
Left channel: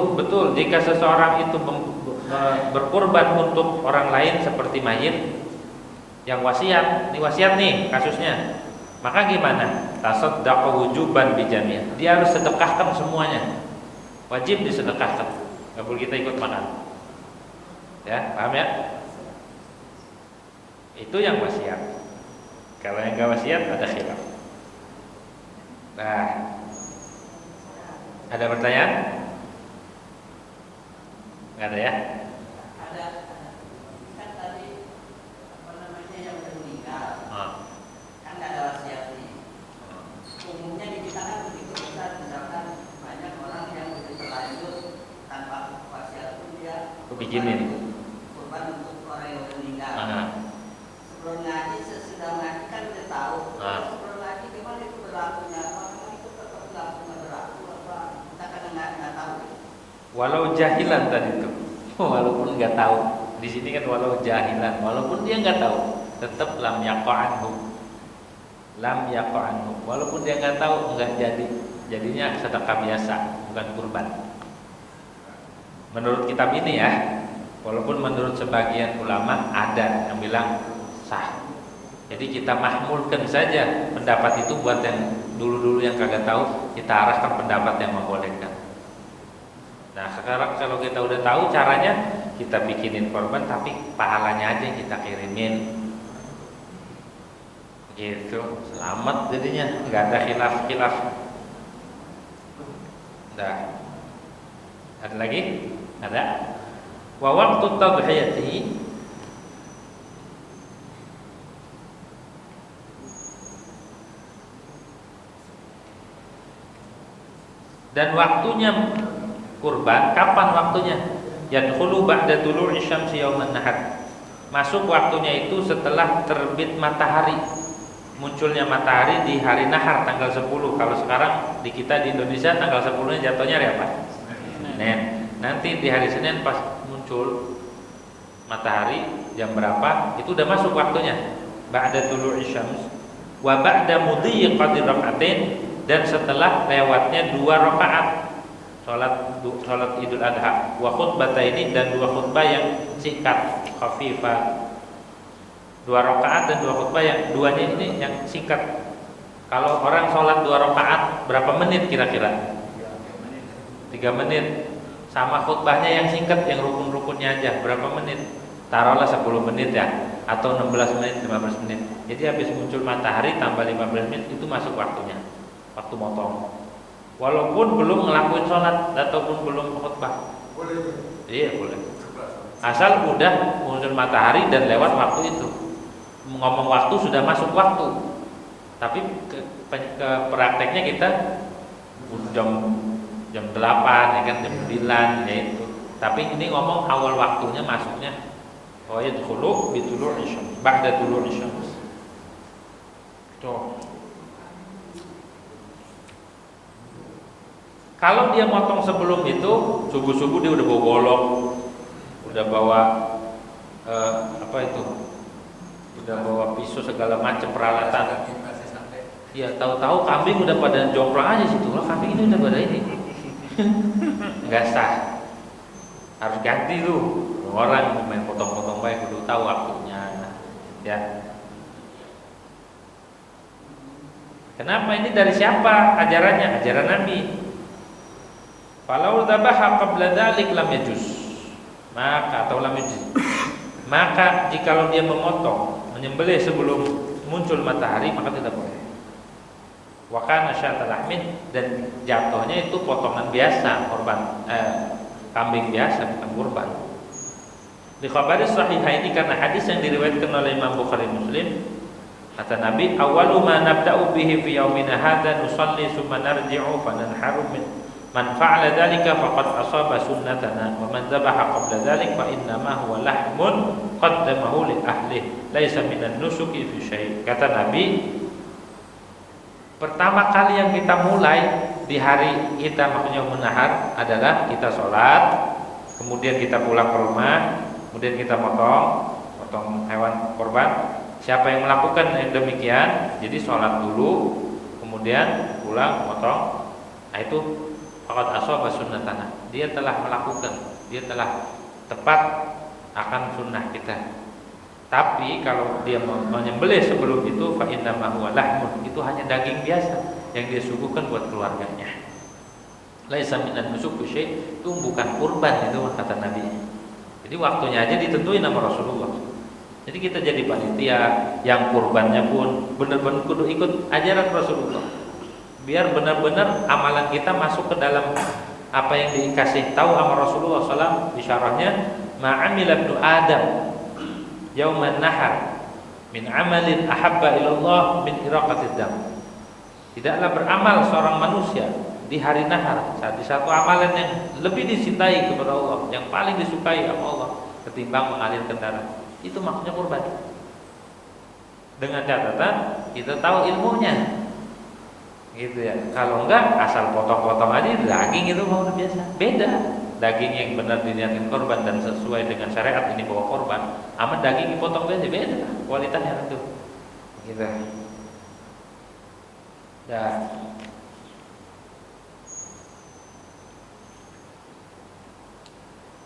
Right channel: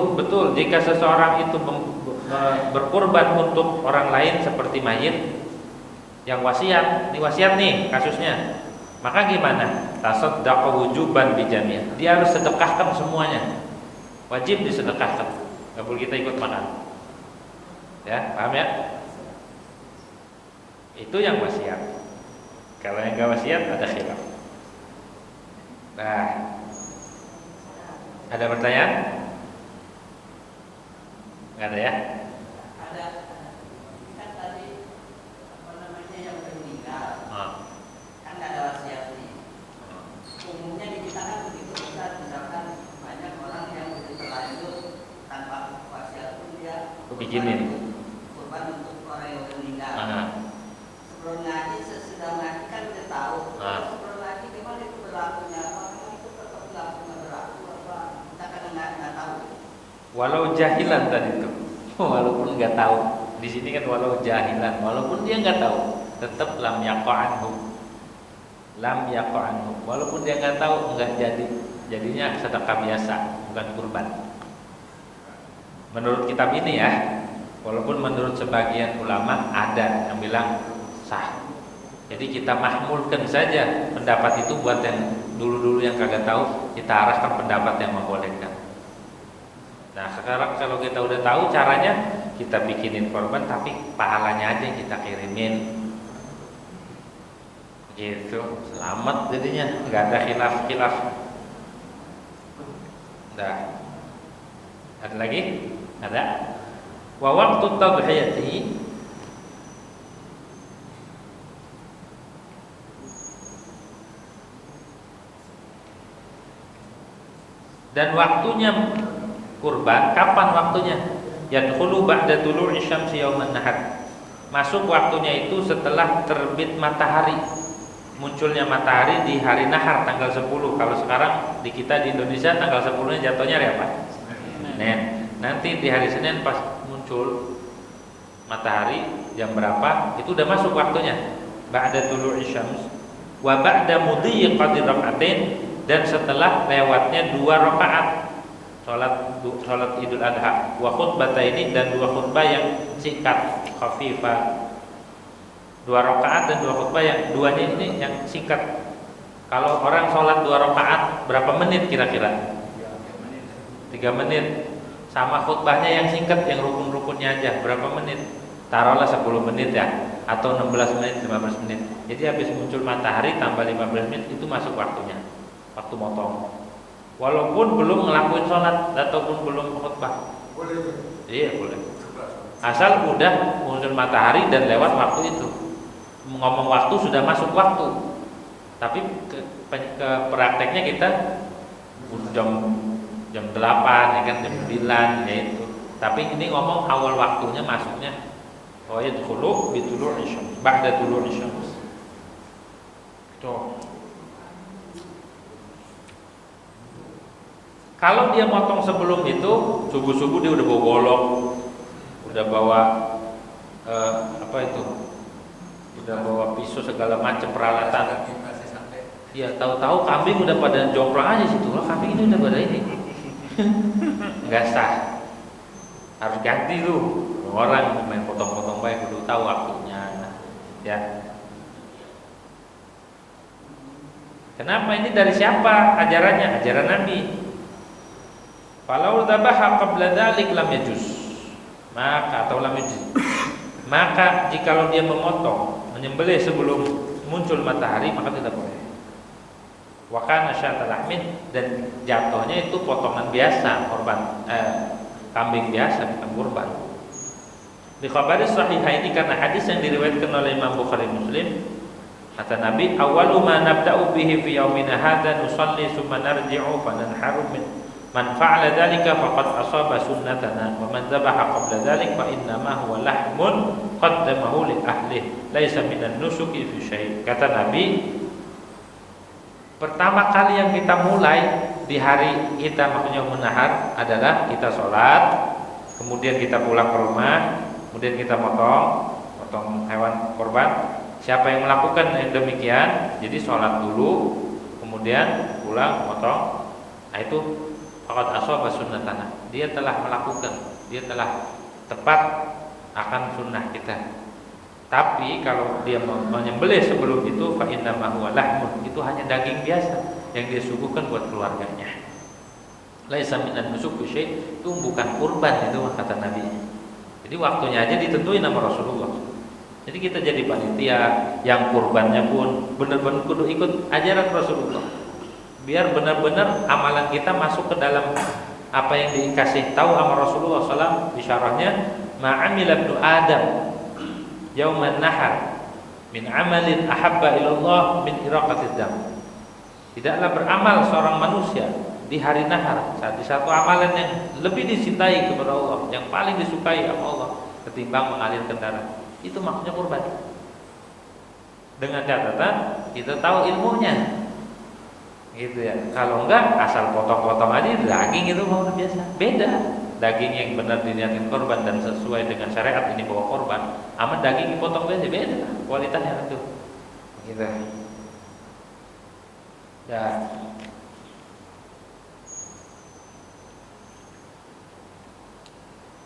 berkurban untuk orang lain seperti mayit yang wasiat, ini wasiat nih kasusnya, maka gimana? Tasaddaqa wujuban bi jamiha. Dia harus sedekahkan semuanya. Wajib disedekahkan. Enggak boleh kita ikut makan. Ya, paham ya? Itu yang wasiat. Kalau yang enggak wasiat ada khilaf. Nah, Ada pertanyaan? Nggak ada ya? Ada kan tadi apa namanya yang udah meninggal kan nggak ada wasiat nih. Umumnya di kita kan begitu, misalkan banyak orang yang udah terlanjur tanpa wasiat pun dia Bikinin. kurban untuk orang yang udah meninggal. Sebelum ngaji, sesudah ngaji kan udah tahu. Sebelum ngaji gimana itu berlakunya? Apakah itu tetap berlaku apa? Kita kadang nggak tahu. Walau jahilan tadi itu, walaupun nggak tahu. Di sini kan walau jahilan, walaupun dia nggak tahu, tetap lam yaqa'anhu. Lam yaqa'anhu. Walaupun dia nggak tahu, nggak jadi. Jadinya sedekah biasa, bukan kurban. Menurut kitab ini ya, walaupun menurut sebagian ulama ada yang bilang sah. Jadi kita mahmulkan saja pendapat itu buat yang dulu-dulu yang kagak tahu, kita arahkan pendapat yang membolehkan. Nah sekarang kalau kita udah tahu caranya, kita bikinin korban tapi pahalanya aja kita kirimin. Gitu, selamat jadinya, nggak ada khilaf-khilaf. Dah. Ada lagi? Ada. Wa waqtu tadhiyati dan waktunya kurban, kapan waktunya? Yadkhulu ba'da tulu'i syamsi yauman nahar. Masuk waktunya itu setelah terbit matahari. Munculnya matahari di hari nahar tanggal 10. Kalau sekarang di kita di Indonesia tanggal 10-nya jatuhnya hari apa? Senin. Nanti di hari Senin pas muncul matahari jam berapa? Itu udah masuk waktunya. Ba'da tulu'i syams wa ba'da mudhi qadri rak'atain, dan setelah lewatnya 2 rakaat salat Idul Adha, wa khutbataini, dan 2 khutbah yang singkat, khafifah. 2 rakaat dan 2 khutbah yang duanya ini yang singkat. Kalau orang sholat 2 rakaat berapa menit kira-kira? 3 menit. Sama khutbahnya yang singkat, yang rukun-rukunnya aja berapa menit? Taruhlah 10 menit ya, atau 16 menit, 15 menit. Jadi habis muncul matahari tambah 15 menit itu masuk waktunya, waktu motong. Walaupun belum ngelakuin sholat ataupun belum khutbah. Boleh. Iya boleh. Asal udah muncul matahari dan lewat waktu itu. Ngomong waktu sudah masuk waktu. Tapi ke prakteknya kita jam 8 ya kan, jam 9 ya itu. Tapi ini ngomong awal waktunya masuknya. Oh ya dulu bitulu'i syams, ba'da tulu'i syams. Tuh. Kalau dia motong sebelum itu, subuh-subuh dia udah bawa golok, udah bawa apa itu, udah bawa pisau segala macam peralatan. Ya tahu-tahu kambing udah pada jomplang aja situ, lah kambing ini udah pada ini, nggak sah, harus ganti tuh. Orang main potong-potong baik udah tahu waktunya, ya. Kenapa ini dari siapa ajarannya? Ajaran Nabi. Falau dzabaha qabla dzalik lam yajuz. Maka atau lam yajuz. Maka jikalau dia memotong, menyembelih sebelum muncul matahari, maka tidak boleh. Wa kana syatal lahmin, dan jatuhnya itu potongan biasa, korban kambing biasa, bukan kurban. Di khabari sahihaini, karena hadis yang diriwayatkan oleh Imam Bukhari Muslim, kata Nabi, awwalu ma nabda'u bihi fi yaumina hadza nusalli summa narji'u fa nanharu min man fa'ala dzalika faqad asaba sunnatana wa man dzabaha qabla dzalik fa inna ma huwa lahmun qaddamahu li ahlihi laisa minan nusuki fi syai'. Kata Nabi, pertama kali yang kita mulai di hari kita, maksudnya menahar, adalah kita sholat, kemudian kita pulang ke rumah, kemudian kita potong hewan korban. Siapa yang melakukan yang demikian, jadi sholat dulu, kemudian pulang potong, nah itu faqad ashaba sunnatana, dia telah melakukan, dia telah tepat akan sunnah kita. Tapi kalau dia menyembelih sebelum itu, fa inna ma huwa lahmun, itu hanya daging biasa yang dia suguhkan buat keluarganya. Laisa minan nusuk syai', itu bukan kurban, itu kata Nabi. Jadi waktunya aja ditentuin sama Rasulullah. Jadi kita jadi panitia, yang kurbannya pun benar-benar kudu ikut ajaran Rasulullah. biar benar-benar amalan kita masuk ke dalam apa yang dikasih tahu sama Rasulullah SAW di syarahnya, ma'amila ibnu Adam yauman nahar min amalin ahabba ilallah min iraqatid dam. Tidaklah beramal seorang manusia di hari nahar, di satu amalan yang lebih dicintai kepada Allah, yang paling disukai sama Allah ketimbang mengalirkan darah. Itu maksudnya kurban. Dengan catatan kita tahu ilmunya. Gitu ya. Kalau enggak asal potong-potong aja daging itu mau biasa. Beda. Daging yang benar diniatin korban dan sesuai dengan syariat ini bawa korban, sama daging dipotong biasa beda kualitasnya itu. Gitu. Dan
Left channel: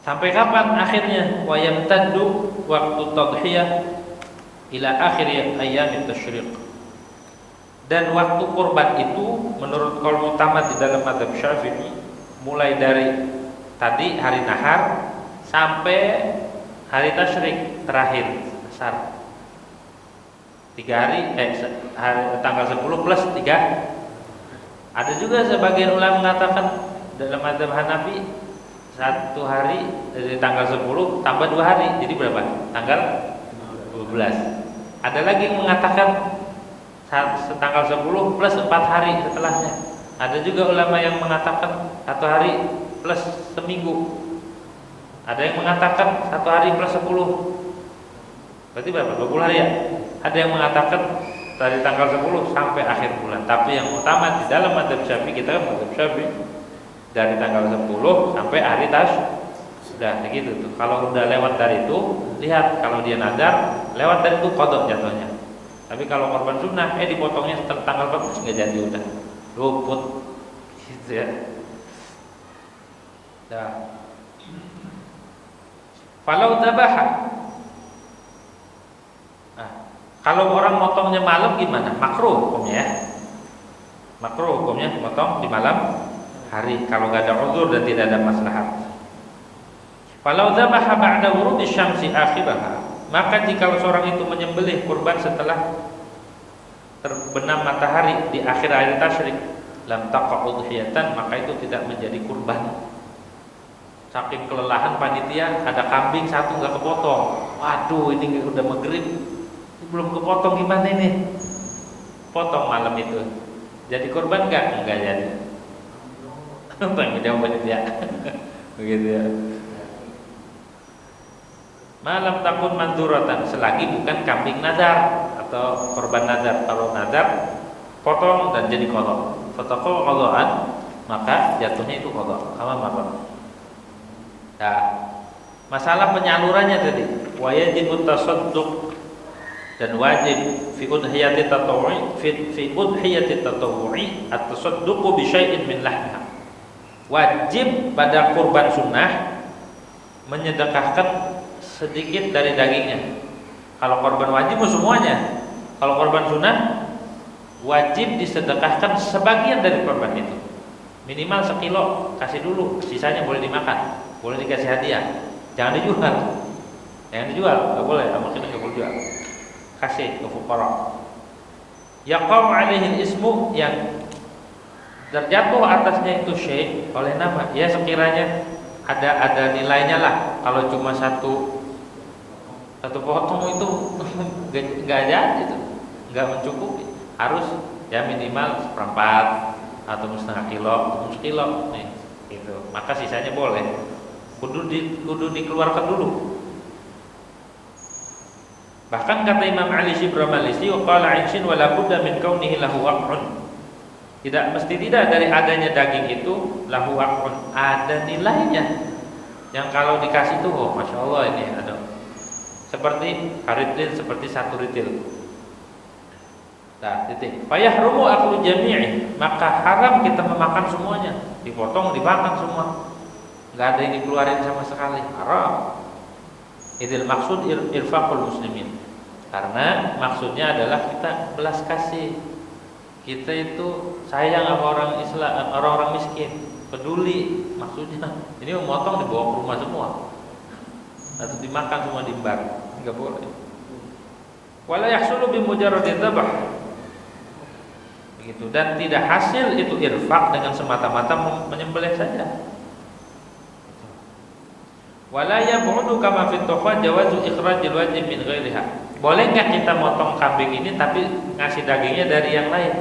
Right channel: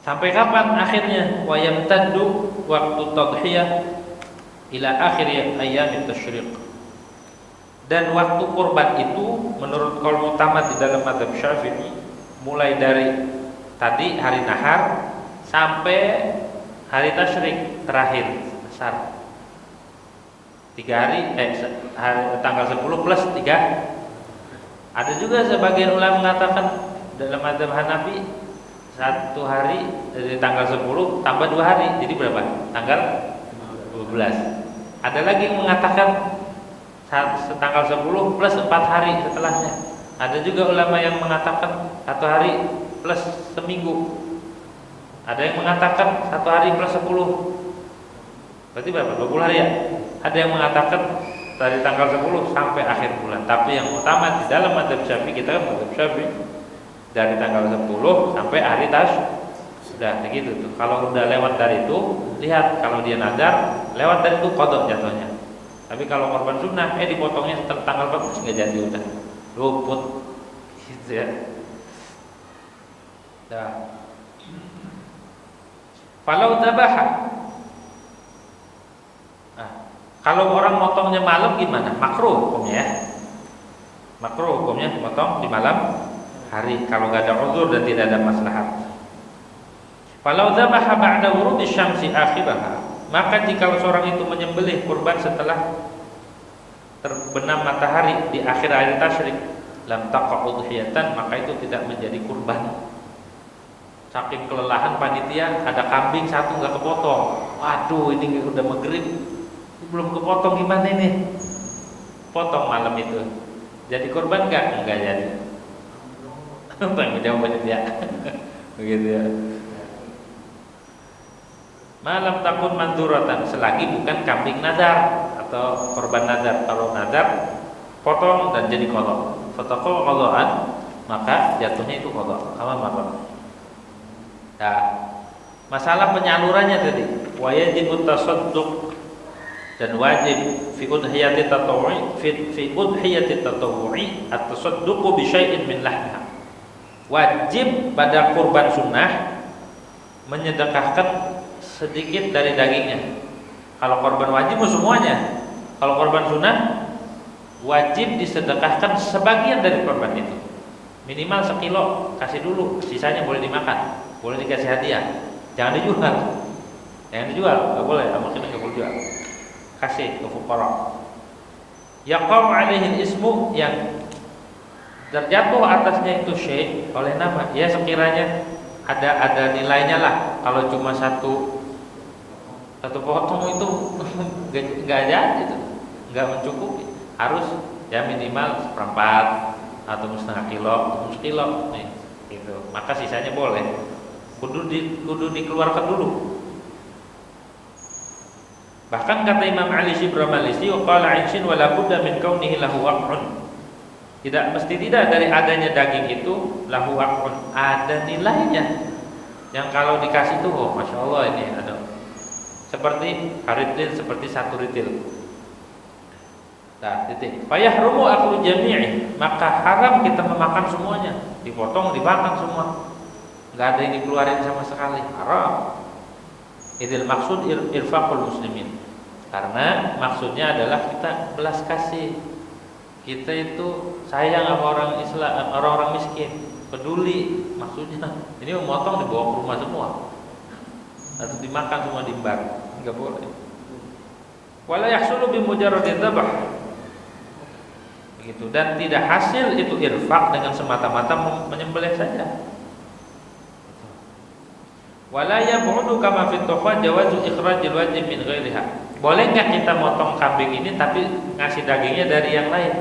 sampai kapan akhirnya? Wa yamtaddu waktu tadhiyah ila akhir ayyam tasyriq. Dan waktu kurban itu menurut qaul mutamad di dalam mazhab Syafi'i mulai dari tadi hari nahar sampai hari tasyrik terakhir besar 3 hari, tanggal 10 plus 3. Ada juga sebagian ulama mengatakan dalam mazhab Hanafi 1 hari dari tanggal 10 tambah 2 hari jadi berapa? Tanggal 12. Ada lagi yang mengatakan tanggal 10 plus 4 hari setelahnya. Ada juga ulama yang mengatakan 1 hari plus seminggu. Ada yang mengatakan 1 hari plus 10. Berarti berapa? 20 hari ya? Ada yang mengatakan dari tanggal 10 sampai akhir bulan. Tapi yang utama di dalam mazhab Syafi'i, kita kan mazhab Syafi'i dari tanggal 10 sampai hari sudah begitu tuh. Kalau udah lewat dari itu, lihat kalau dia nazar, lewat dari itu qadha jatuhnya. Tapi kalau korban sunnah dipotongnya setelah tanggal 14 enggak jadi, udah luput gitu ya. Dah. Falau tabaha. Kalau orang motongnya malam gimana? Makruh hukumnya ya. Makruh hukumnya motong di malam hari kalau enggak ada uzur dan tidak ada maslahat. Falau dzabaha ba'da wurudi syamsi akhibaha, maka jika seorang itu menyembelih kurban setelah terbenam matahari di akhir hari tasyrik, lam taqa udhiyatan, maka itu tidak menjadi kurban. Saking kelelahan panitia, ada kambing satu enggak kepotong. Waduh, ini udah maghrib belum kepotong, gimana ini? Potong malam itu. Jadi kurban enggak? Enggak jadi. Tanggung jawab panitia. Begitu ya. Malam takun manduratan, selagi bukan kambing nazar atau korban nazar. Kalau nazar potong dan jadi qadha. Fataqul qadhaan, maka jatuhnya itu qadha. Kama marah. Nah, masalah penyalurannya tadi, wajib tasadduq, dan wajib fi udhiyati tatawwu'i fi udhiyati tatawwu'i at-tasadduqu bi syai'in min lahmiha. Wajib pada kurban sunnah menyedekahkan sedikit dari dagingnya. Kalau korban wajib semuanya. Kalau korban sunnah wajib disedekahkan sebagian dari korban itu. Minimal 1 kilo kasih dulu, sisanya boleh dimakan, boleh dikasih hadiah. Jangan dijual. Jangan dijual, enggak boleh, mungkin enggak boleh jual. Kasih ke fuqara. Yaqam 'alaihi ismu, yang terjatuh atasnya itu syai' oleh nama. Ya sekiranya ada nilainya lah. Kalau cuma satu potong itu enggak jadi itu, enggak mencukupi. Harus ya minimal 1/4 atau 1/2 kilo, atau 1 kilo nih, gitu. Maka sisanya boleh. Kudu dikeluarkan dulu. Bahkan kata Imam Ali Shibra Malisi, qala 'inshin wa la budda min kaunihi lahu waq'un. Tidak mesti tidak dari adanya daging itu lahu waq'un, ada nilainya. Yang kalau dikasih tuh, oh masya Allah ini ada seperti haritil, seperti 1 ritil. Nah, titik. Fayahrumu aklu jami'i, maka haram kita memakan semuanya. Dipotong, dimakan semua. Enggak ada yang dikeluarin sama sekali. Haram. Idil maksud irfaqul muslimin. Karena maksudnya adalah kita belas kasih. Kita itu sayang sama orang Islam, orang-orang miskin, peduli. Maksudnya ini memotong dibawa ke rumah semua. Atau dimakan semua diembar. Enggak boleh. Wala yahsulu bi mujarradi dzabh. begitu. Dan tidak hasil itu irfaq dengan semata-mata menyembelih saja. Wala yab'udu kama fi tuhfa jawazu ikhrajil wajib min ghairiha. Boleh nggak kita motong kambing ini tapi ngasih dagingnya dari yang lain?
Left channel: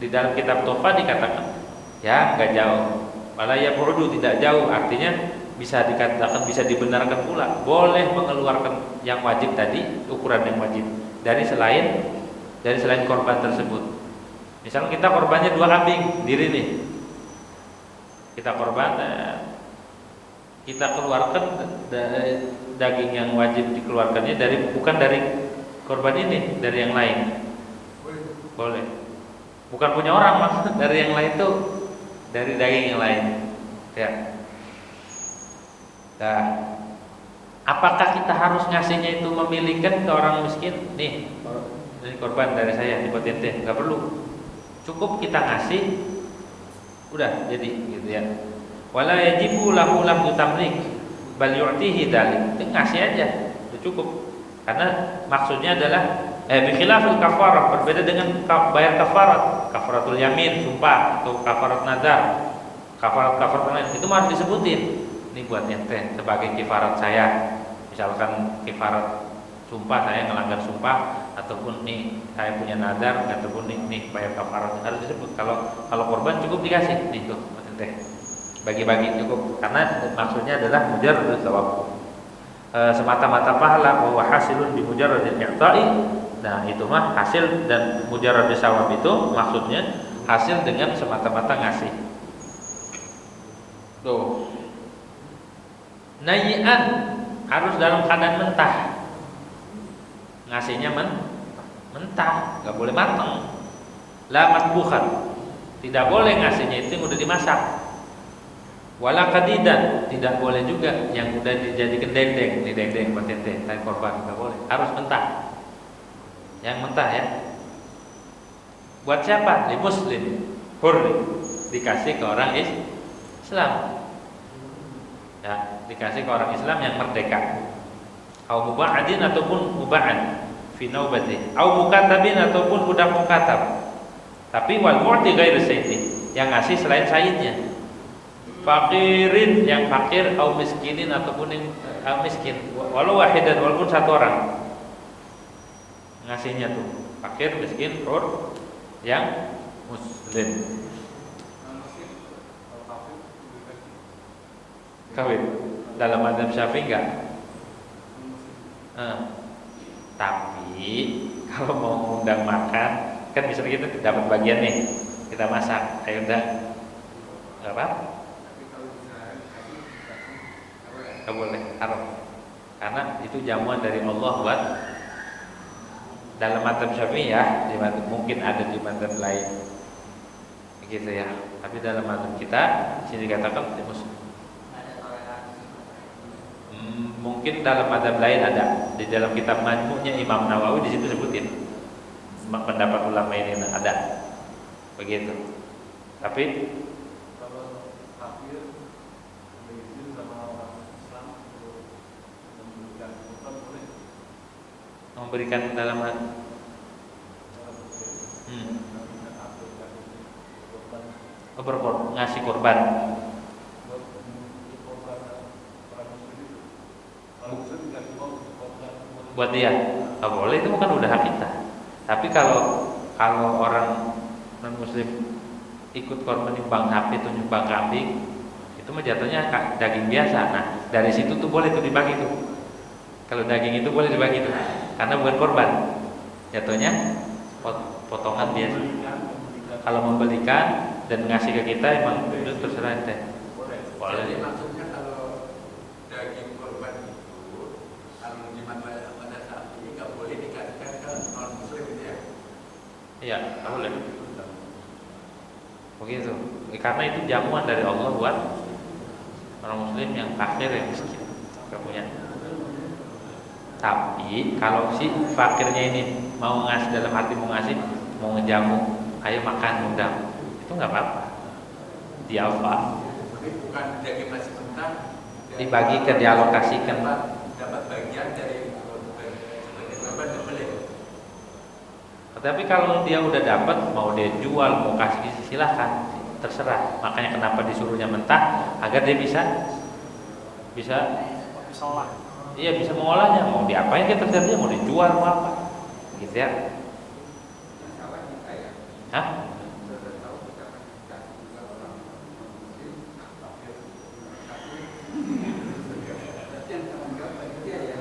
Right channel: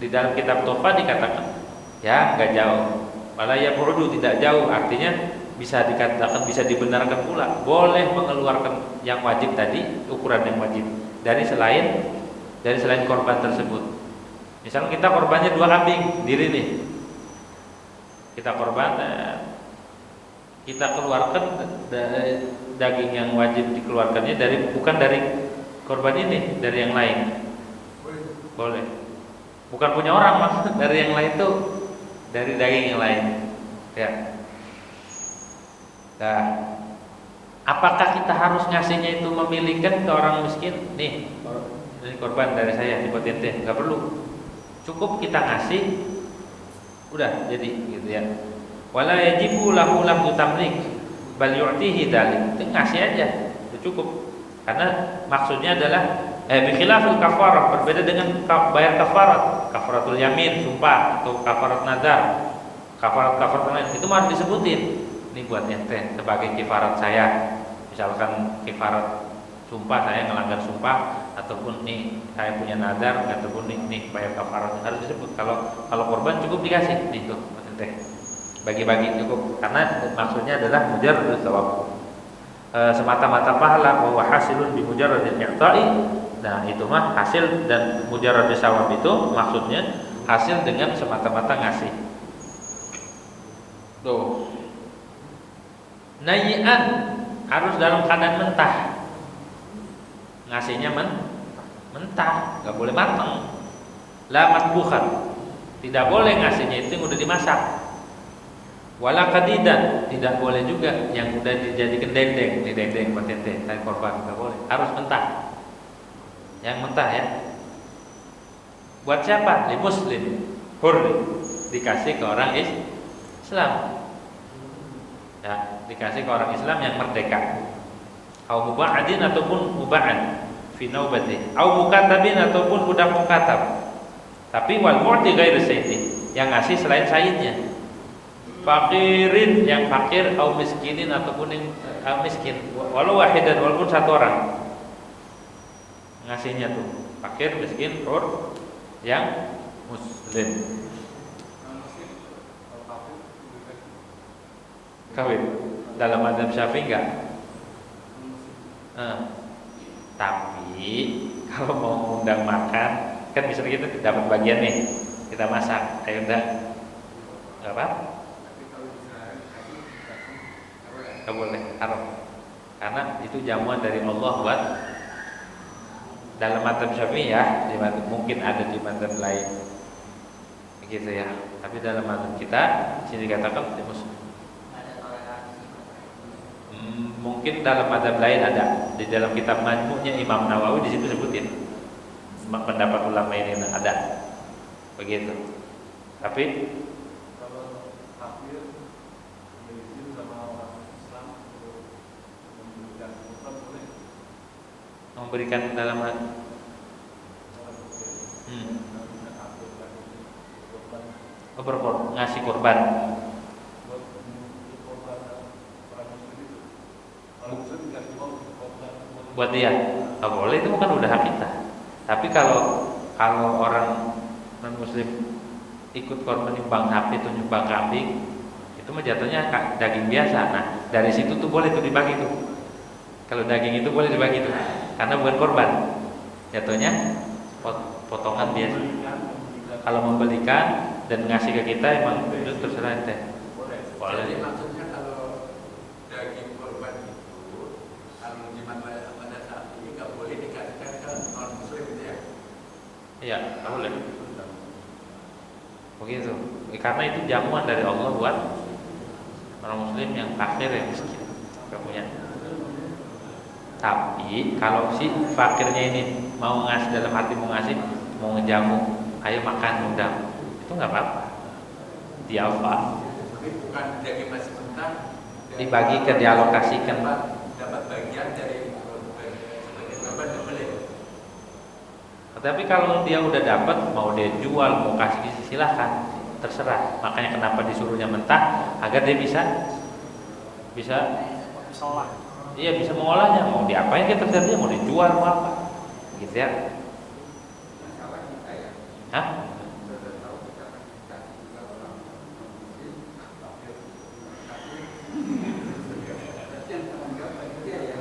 Di dalam kitab tuhfa dikatakan ya nggak jauh. Wala yab'udu tidak jauh, artinya bisa dikatakan, bisa dibenarkan pula boleh mengeluarkan yang wajib tadi, ukuran yang wajib dari selain korban tersebut. Misalnya kita korbannya 2 kambing diri nih, kita korban, kita keluarkan daging yang wajib dikeluarkannya bukan dari korban ini, dari yang lain. Boleh. Bukan punya orang maksud, dari yang lain tuh dari daging yang lain. Ya. Nah, apakah kita harus ngasihnya itu memilihkan ke orang miskin? Nih, ini korban dari saya, buat ente, nggak perlu. Cukup kita ngasih, udah jadi gitu ya. Wala yajibu lahu tamlik bal yu'tihi dzalik. Itu ngasih aja, itu cukup. Karena maksudnya adalah bi khilafil kafarah, berbeda dengan bayar kafarat, kafaratul yamin, sumpah, atau kafarat nazar. Kafarat lain itu harus disebutin. Ini buat ente sebagai kifarat saya. Misalkan kifarat sumpah, saya ngelanggar sumpah, ataupun nih saya punya nazar, ataupun nih bayar kafarat, harus disebut. Kalau korban cukup dikasih nih tuh buat ente. Bagi-bagi cukup, karena maksudnya adalah mujarradul thawab, semata-mata pahala, wa hasilun bi mujarradil i'ta'i. Nah, itu mah hasil, dan mujarradul thawab itu maksudnya hasil dengan semata-mata ngasih. Tuh. Nayi'an, harus dalam keadaan mentah. Ngasihnya mentah, nggak boleh matang. La matbukhan, tidak boleh ngasihnya itu yang udah dimasak. Wala kadidan, tidak boleh juga yang udah dijadikan dendeng, buat ente, tadi korban, nggak boleh, harus mentah. Yang mentah ya. Buat siapa? Di muslim, hurri, dikasih ke orang Islam. Ya, dikasih ke orang Islam yang merdeka. Au muba'adin ataupun muba'ad fi naubati, au mukatabin ataupun budak mukatab. Tapi wal mu'ti ghairu sayyidi, yang ngasih selain sayyidnya. Fakirin, yang fakir, au miskinin ataupun yang miskin, walau wahidan, walaupun satu orang ngasihnya tuh fakir, miskin, hur, yang muslim. Kawin dalam madzhab Syafi'i enggak? Tapi kalau mau undang makan, kan bisa kita dapat bagian nih, kita masak, ayo udah, nggak apa? Nggak boleh, haram. Karena itu jamuan dari Allah buat dalam madzhab Syafi'i ya, mungkin ada di madzhab lain, begitu ya. Tapi dalam madzhab kita sini dikatakan mungkin dalam madzhab lain ada, di dalam kitab Majmu'nya Imam Nawawi di situ sebutin pendapat ulama ini ada, begitu. Tapi kalau kafir berizin sama orang Islam untuk memberikan korban boleh? Memberikan dalam ngasih korban. Buat dia, nggak boleh, itu bukan udah hak kita. Tapi kalau orang non muslim ikut korban nyumbang sapi atau nyumbang kambing, itu mah jatuhnya daging biasa. Nah, dari situ tuh boleh tuh dibagi tuh. Kalau daging itu boleh dibagi tuh, karena bukan korban, jatuhnya potongan biasa. Kalau membelikan dan ngasih ke kita, emang itu terserah ente. Boleh. Jadi maksudnya kalau daging korban itu, kalau pada saat ini nggak boleh dikasihkan ke non muslim itu ya? Iya, nggak boleh. Begitu. Karena itu jamuan dari Allah buat orang muslim yang fakir, yang miskin, nggak punya. Tapi kalau si fakirnya ini mau ngasih, dalam hati mau ngasih, mau ngejamu, ayo makan, undang, itu nggak apa-apa. Dialfa. Bukan daging masih mentah. Dibagikan, dialokasikan. Dapat bagian dari sebagai korban nggak boleh. Tapi kalau dia udah dapat, mau dia jual, mau kasih silahkan, terserah. Makanya kenapa disuruhnya mentah, agar dia bisa olah. iya bisa mengolahnya. Mau diapain dia terserah, mau dijual mau apa, gitu ya. Masalah kita ya. Hah? Sudah tahu kita kan dikasih juga orang muslim, tapi yang tanggung jawab panitia ya.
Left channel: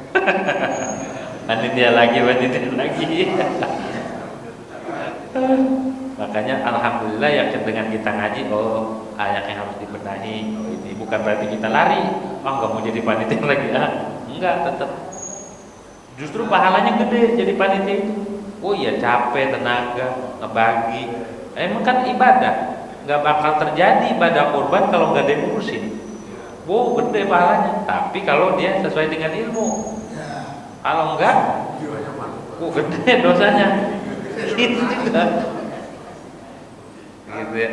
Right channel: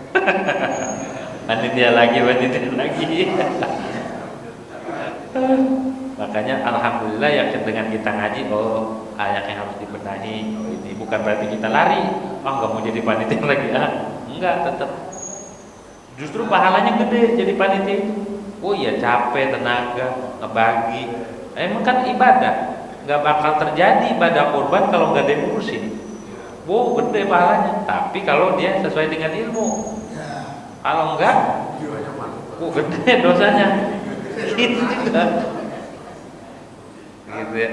Panitia lagi. Makanya alhamdulillah ya dengan kita ngaji, oh ayat yang harus dibenahi. Oh, ini bukan berarti kita lari. Oh nggak mau jadi panitia lagi enggak, tetap. Justru pahalanya gede jadi panitia itu. Oh iya capek tenaga ngebagi. Emang kan ibadah, nggak bakal terjadi ibadah kurban kalau nggak diurusin. Wow gede pahalanya. Tapi kalau dia sesuai dengan ilmu. Kalau enggak, gede dosanya. Gitu juga. Gitu ya.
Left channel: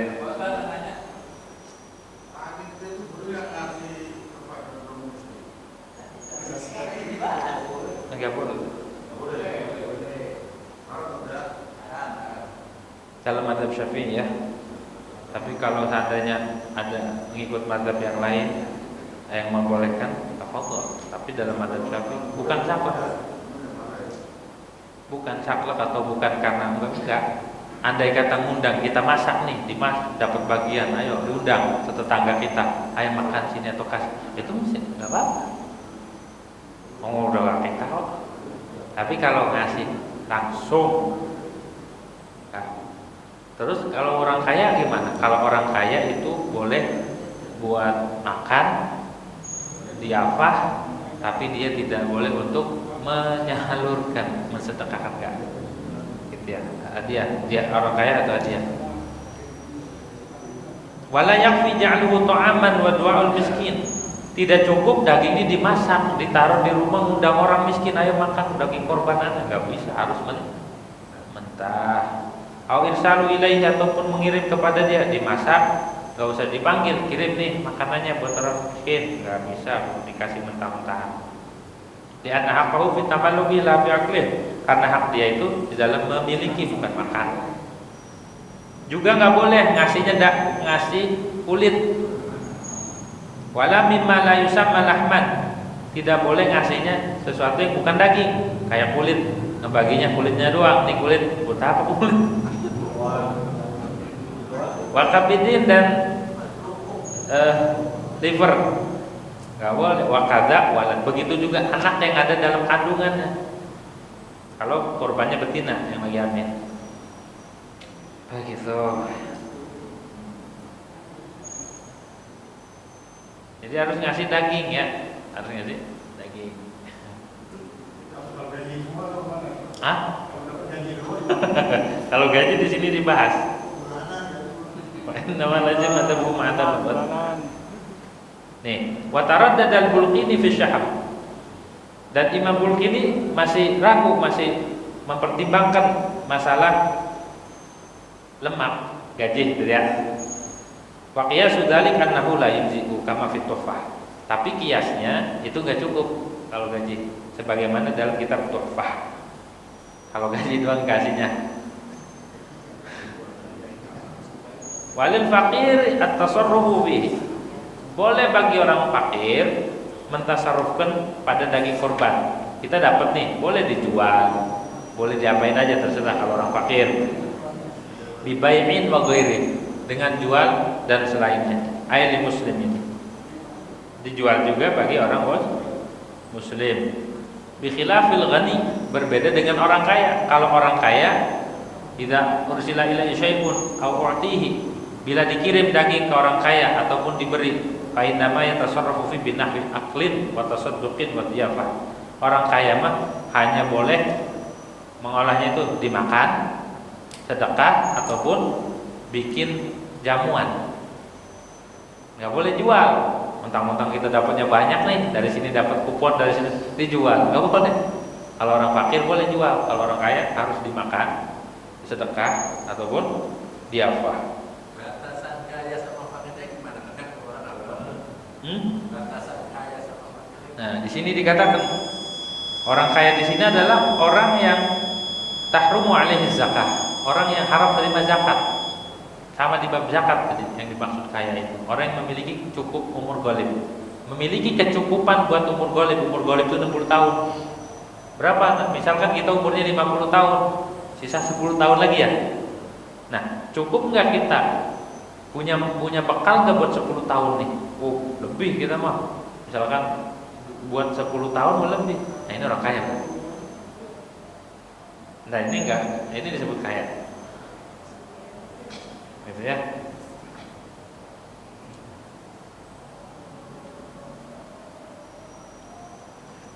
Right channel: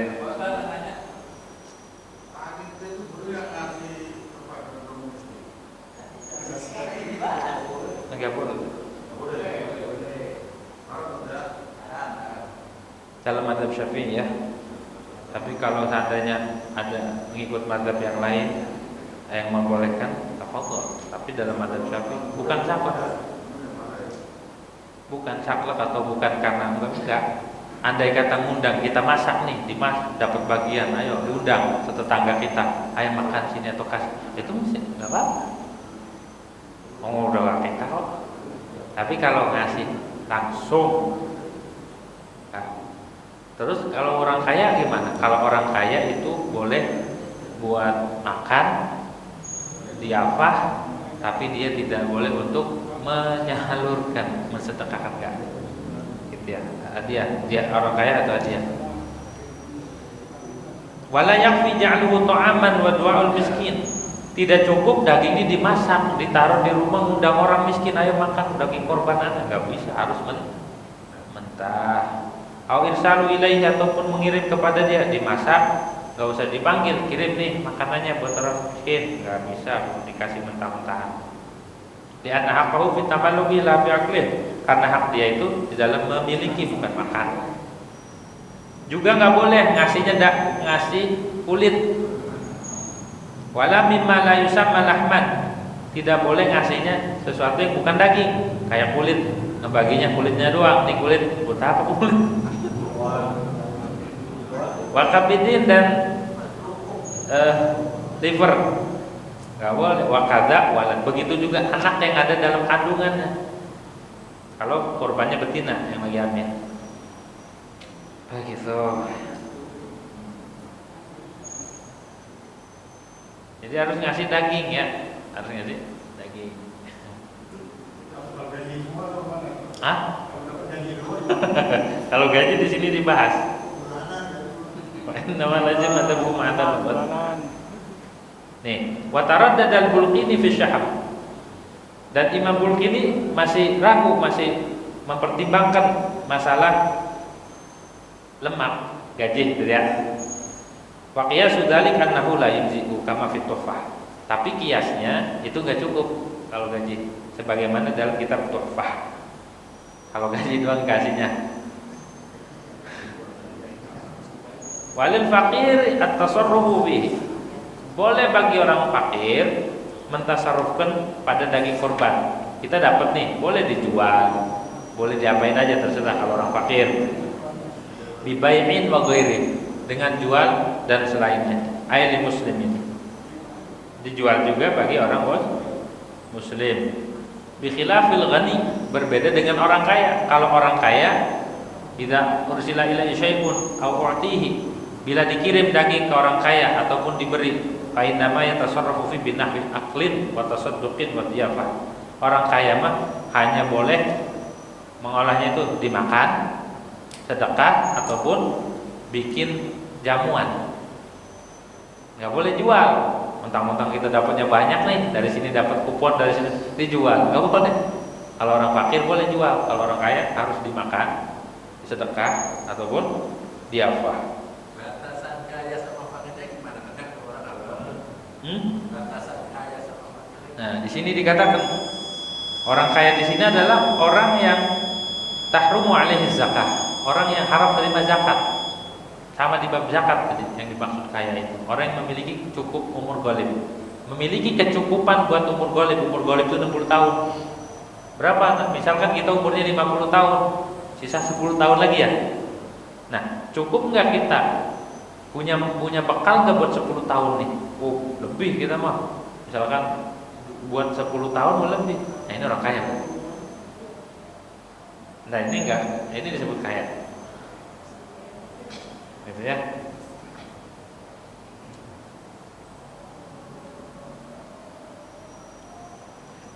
Enggak boleh. Dalam mazhab Syafi'i ya. Tapi kalau seandainya ada mengikut mazhab yang lain yang membolehkan, tafadhol. Tapi dalam mazhab Syafi'i bukan saklek. Bukan saklek atau bukan karena enggak. Andai kata ngundang, kita masak nih, dapat bagian, ayo diundang setetangga kita, ayo makan sini atau kasih, itu mesti nggak apa-apa. Mau udah kita kok. Tapi kalau ngasih langsung, nah. Terus kalau orang kaya gimana? Kalau orang kaya itu boleh buat makan, diafah, tapi dia tidak boleh untuk menyalurkan, mensedekahkan enggak. Gitu ya. Dia orang kaya atau dia. Wala yakfi ja'luhu ta'aman wa du'aul miskin. Tidak cukup daging ini dimasak, ditaruh di rumah undang orang miskin, ayo makan daging korban Anda, enggak bisa, harus mentah. Au irsalu ilaihi, ataupun mengirim kepada dia, dimasak, enggak usah dipanggil, kirim nih makanannya buat orang miskin, enggak bisa dikasih mentah-mentahan. Di anna haqqahu fi tamalluki la fi aqlih, karena hak dia itu di dalam memiliki bukan makan. Juga nggak boleh ngasihnya ngasih kulit. Wala mimma la yusamma lahman, tidak boleh ngasihnya sesuatu yang bukan daging, kayak kulit, ngebaginya kulitnya doang, nih kulit buat apa kulit? Wakabidin dan liver nggak boleh. Wakada walan, begitu juga anak yang ada dalam kandungannya. Kalau korbannya betina yang lagi hamil, begitu. Jadi harus ngasih daging ya, harus ngasih daging. Hah? Kalau gaji di sini dibahas. Nama lazim atau hukum atau nih, wataradad al-Bulqini fi syahab. Dan Imam Bulqini masih ragu, masih mempertimbangkan masalah lemak gaji, gitu ya. Wa qiyasu dzalik annahu la yujzi'u kama fi tuhfah. Tapi kiasnya itu enggak cukup kalau gaji, sebagaimana dalam kitab Tuhfah. Kalau gaji doang kasihnya. Walil faqir at-tasarrufu bihi. Boleh bagi orang fakir mentasarrufkan pada daging korban. Kita dapat nih, boleh dijual, boleh diapain aja terserah kalau orang fakir. Bibai'in wa ghairi, dengan jual dan selainnya. Ayat muslim ini dijual juga bagi orang muslim. Bi khilafil ghani, berbeda dengan orang kaya. Kalau orang kaya tidak ursila ilaihi syai'un aw u'tihi, bila dikirim daging ke orang kaya ataupun diberi, fa inna ma yatasarrafu fi binahwi aqlin wa tasadduqin wa diyafah. Orang kaya mah hanya boleh mengolahnya itu dimakan, sedekah ataupun bikin jamuan. Enggak boleh jual. Mentang-mentang kita dapatnya banyak nih, dari sini dapat kupon, dari sini dijual. Enggak boleh. Kalau orang fakir boleh jual, kalau orang kaya harus dimakan, sedekah ataupun diafah. Batasan kaya sama fakirnya gimana? Kadang orang awam. Batasan kaya sama fakir. Nah, di sini dikatakan orang kaya di sini adalah orang yang tahrumu alaihi zakah. Orang yang haram terima zakat. Sama di bab zakat tadi yang dimaksud kaya itu. Orang yang memiliki cukup umur ghalib. Memiliki kecukupan buat umur ghalib. Umur ghalib itu 60 tahun. Berapa? Misalkan kita umurnya 50 tahun, sisa 10 tahun lagi ya. Nah, cukup nggak kita punya bekal nggak buat 10 tahun nih? Oh, lebih kita mah. Misalkan buat 10 tahun lebih. Nah, ini orang kaya. Nah, ini enggak, ini disebut kaya. Gitu ya.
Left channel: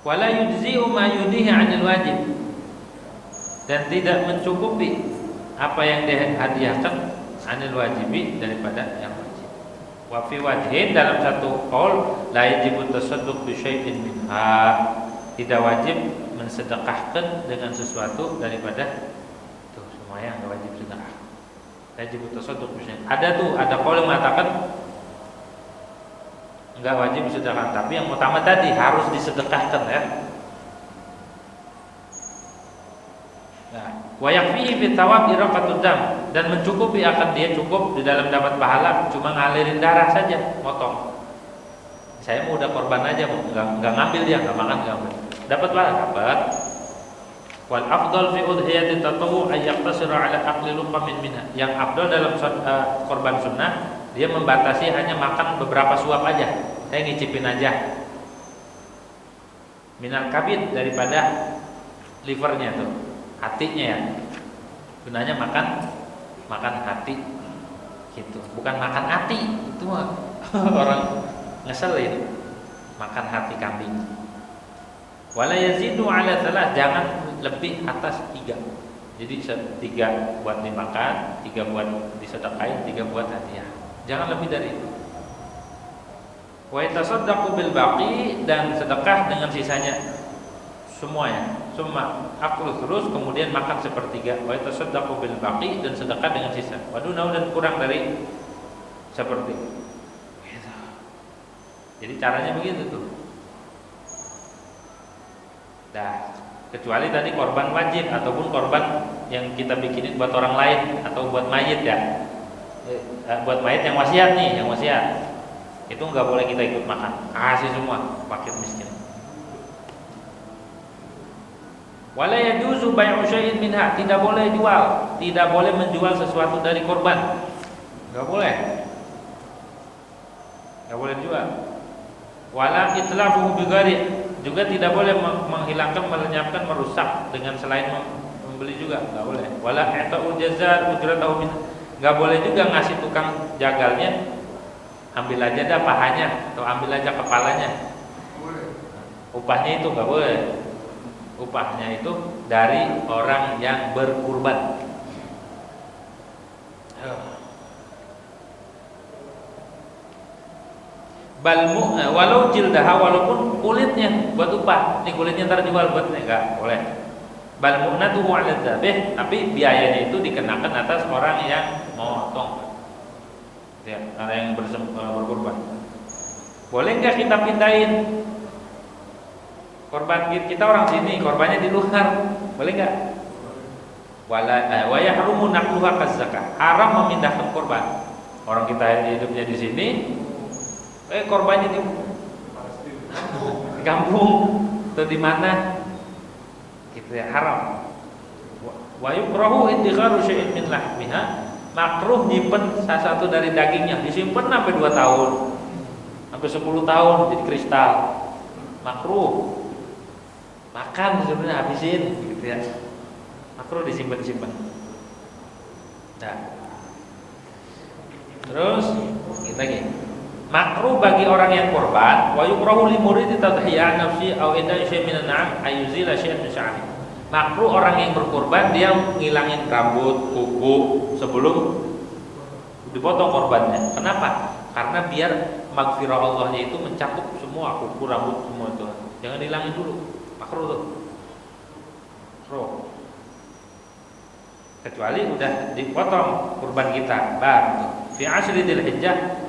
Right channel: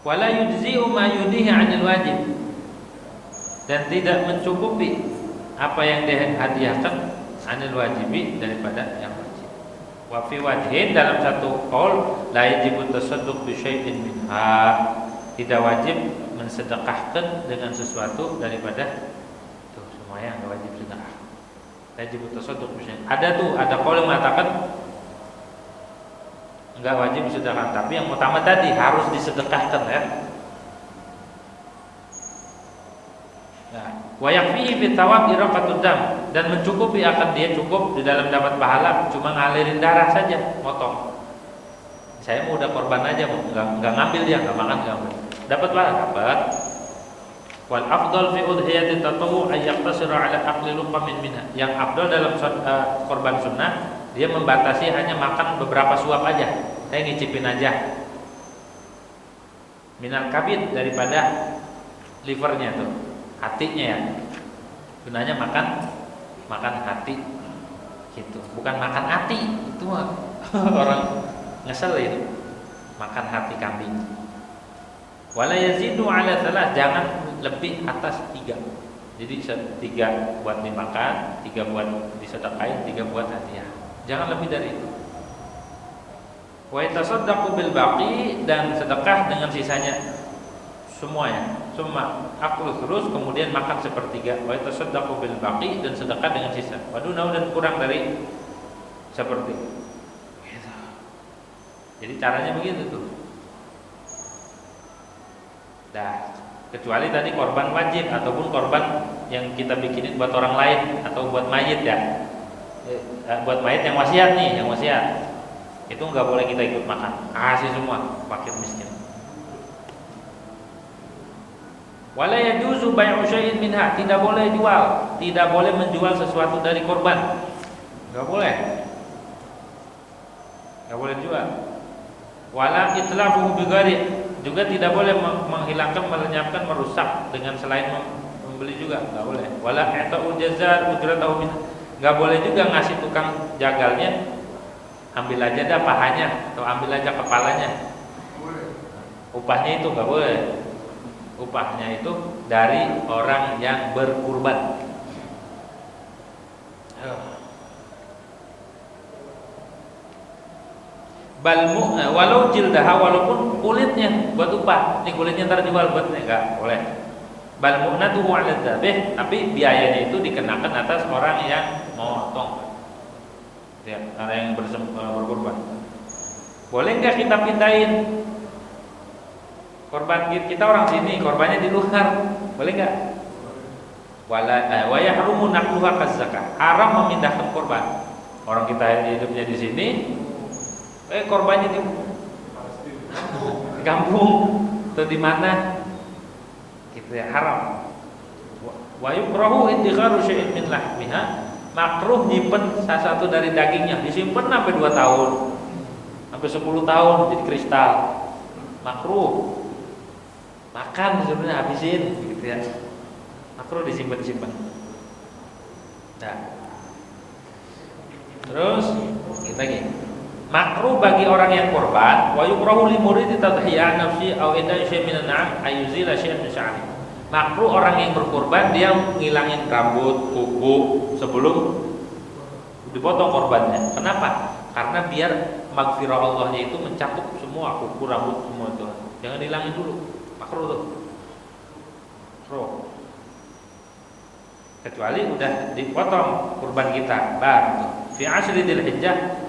Wala yujzi'u ma yudhihi 'anil wajib. Dan tidak mencukupi apa yang dihadiahkan 'anil wajibi daripada yang wajib. Wa fi wajhin, dalam satu qaul la yajibu tasadduq bi syai'in minha. Tidak wajib mensedekahkan dengan sesuatu daripada tuh semuanya enggak wajib sedekah. Wajib tasadduq bi syai'in. Ada qaul yang mengatakan enggak wajib sedekah, tapi yang utama tadi harus disedekahkan ya. Nah, wa yakfihi fi thawab iraqatud dam, dan mencukupi akan dia cukup di dalam dapat pahala cuma ngalirin darah saja, motong. Saya mau udah korban aja, enggak ngambil dia, enggak makan, enggak ambil. Dapat pahala, dapat. Wal afdal fi udhiyati tatawwu ay yaqtasira ala aqli luqamin minha. Yang afdal dalam korban sunnah, dia membatasi hanya makan beberapa suap aja. Saya ngicipin aja. Minal kabid, daripada livernya tuh, hatinya ya. Gunanya makan hati gitu. Bukan makan hati, itu mah orang ngeselin. Makan hati kambing. Wala yazidu ala salah, jangan lebih atas 3. Jadi 3 buat dimakan, 3 buat disedekahin, 3 buat hadiah. Jangan lebih dari itu. Wa yatasaddaqu bil baqi, dan sedekah dengan sisanya semuanya. Summa aklu terus, kemudian makan sepertiga. Wa yatasaddaqu bil baqi, dan sedekah dengan sisa. Waduh, dan kurang dari seperti. Gitu. Jadi caranya begitu tuh. Nah, kecuali tadi korban wajib ataupun korban yang kita bikinin buat orang lain atau buat mayit ya. Buat mayit yang wasiat nih, yang wasiat. Itu nggak boleh kita ikut makan. Kasih semua fakir miskin. Wala yajuzu bai'u syai'in minha, tidak boleh jual, tidak boleh menjual sesuatu dari korban. Nggak boleh. Nggak boleh jual. Wala itlafuhu bighairi, juga tidak boleh menghilangkan, melenyapkan, merusak dengan selain membeli juga, nggak boleh. Wala i'ta'u jazar ujratahu min, nggak boleh juga ngasih tukang jagalnya, ambil aja dah pahanya atau ambil aja kepalanya. Upahnya itu nggak boleh. Upahnya itu dari orang yang berkurban. Walau jildaha, walaupun kulitnya buat upah, ini kulitnya ntar jual buat enggak boleh. Bal mu'natuhu 'ala dzabih, tapi biayanya itu dikenakan atas orang yang motong. Ya, orang yang berkurban. Boleh enggak kita pindahin korban kita, orang sini, korbannya di luar, boleh enggak? Wa yahrumu naqluha kaz-zakah, haram memindahkan korban. Orang kita hidupnya di sini, korbannya di kampung atau di mana, gitu ya, haram. Wa yukrahu idkharu syai'in min lahmiha, makruh nyimpen salah satu dari dagingnya, disimpan sampai 2 tahun, sampai 10 tahun jadi kristal, makruh. Makan sebenarnya habisin, gitu ya, makruh disimpan. Nah, terus kita lagi. Makruh bagi orang yang korban, wa yukrahu li muridi tadhiya nafsi aw idai syai' min an'am ayuzila syai'an min sya'ri. Makruh orang yang berkorban, dia ngilangin rambut, kuku sebelum dipotong korbannya. Kenapa? Karena biar maghfirah Allahnya itu mencakup semua kuku, rambut, semua itu. Jangan hilangin dulu. Makruh tuh. Makruh. Kecuali udah dipotong kurban kita, baru fi ashri dzulhijjah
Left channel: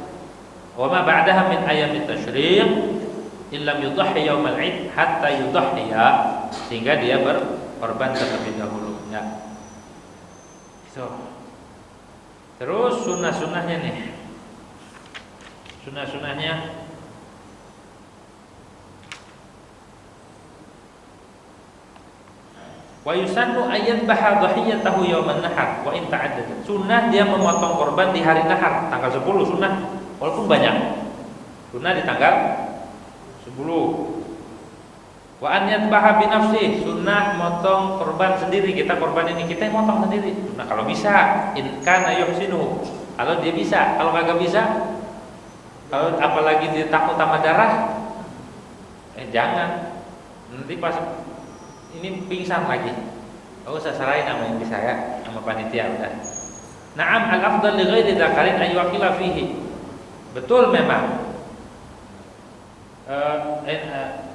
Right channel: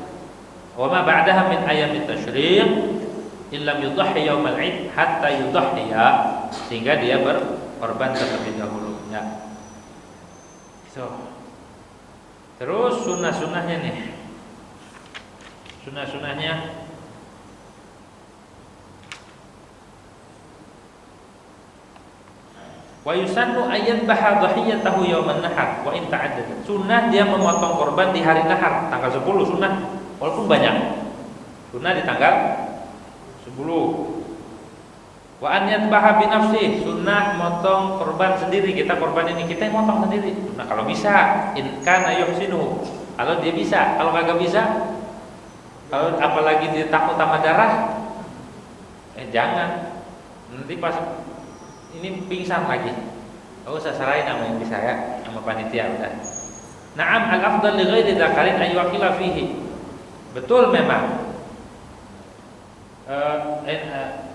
wa ma ba'daha min ayyamit tasyriq illam yudhhi yaumal 'id hatta yudhhiya, sehingga dia berkorban terlebih dahulu. ya. So. Terus sunnah-sunnahnya nih. Sunnah-sunnahnya wa yusannu ayat baha dhahiyatahu yauman nahar wa in ta'addad. Sunnah dia memotong korban di hari nahar, tanggal 10 sunnah, walaupun banyak. Sunnah di tanggal 10. Wa an yadbaha bi nafsi, sunnah motong korban sendiri, kita korban ini kita yang motong sendiri. Nah, kalau bisa, in kana yuhsinu. Kalau dia bisa, kalau kagak bisa, kalau apalagi dia takut sama darah, jangan. Nanti pas ini pingsan lagi. Oh, usah sarain sama yang bisa ya, sama panitia udah. Na'am al-afdal li ghairi dzakarin ay waqila fihi. Betul memang.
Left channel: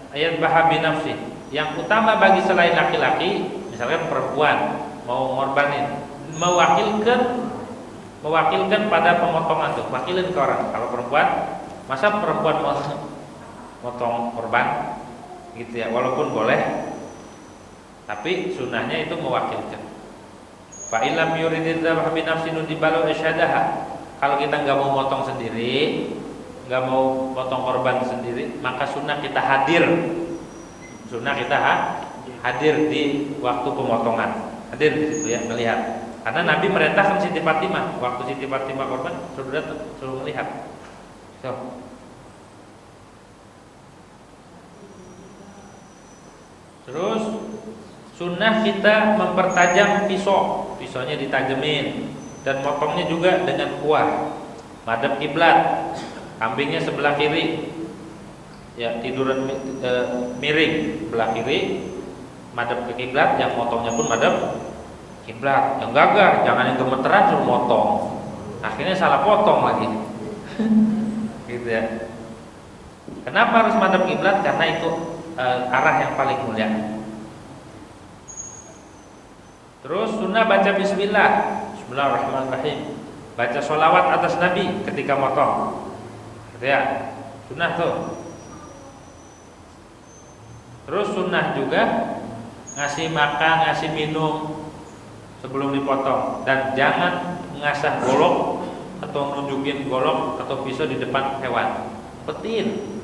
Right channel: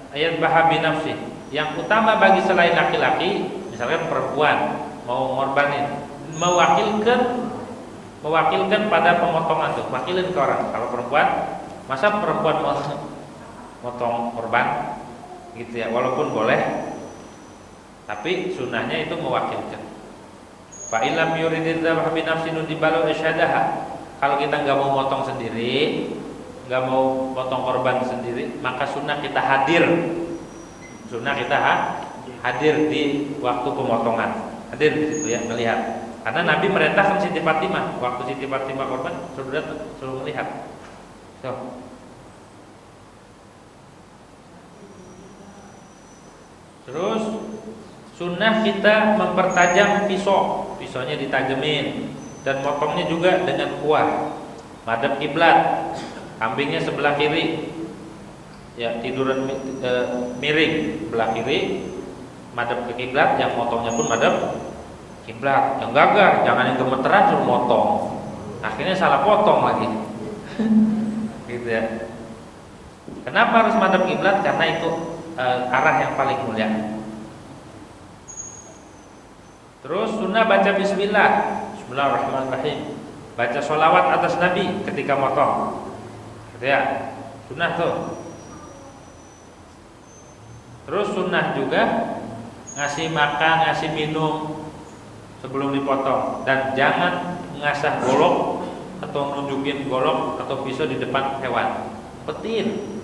Ayat bahabi nafsi. Yang utama bagi selain laki-laki, misalkan perempuan mau ngorbanin, mewakilkan pada pemotongan tuh, wakilin ke orang. Kalau perempuan, masa perempuan mau motong korban gitu ya, walaupun boleh. Tapi sunnahnya itu mewakilkan. Fa illam yuridid dzabha bi nafsin dibalu isyadaha. Kalau kita nggak mau motong sendiri, nggak mau potong korban sendiri, maka sunnah kita hadir. Sunnah kita hadir di waktu pemotongan. Hadir di situ ya, melihat. Karena Nabi merintahkan Siti Fatimah, waktu Siti Fatimah korban suruh melihat. So. Terus sunnah kita mempertajam pisaunya ditajemin dan motongnya juga dengan kuah. Madhab kiblat, kambingnya sebelah kiri, ya tiduran miring sebelah kiri, madhab ke kiblat, yang motongnya pun madhab kiblat. Yang gagah, jangan yang gemeteran suruh motong, akhirnya salah potong lagi, gitu ya. Kenapa harus madhab kiblat? Karena itu arah yang paling mulia. Terus sunnah baca bismillah, bismillahirrahmanirrahim. Baca sholawat atas Nabi ketika motong, ya sunnah tuh. Terus sunnah juga ngasih makan, ngasih minum sebelum dipotong, dan jangan ngasah golok atau nunjukin golok atau pisau di depan hewan. Petin,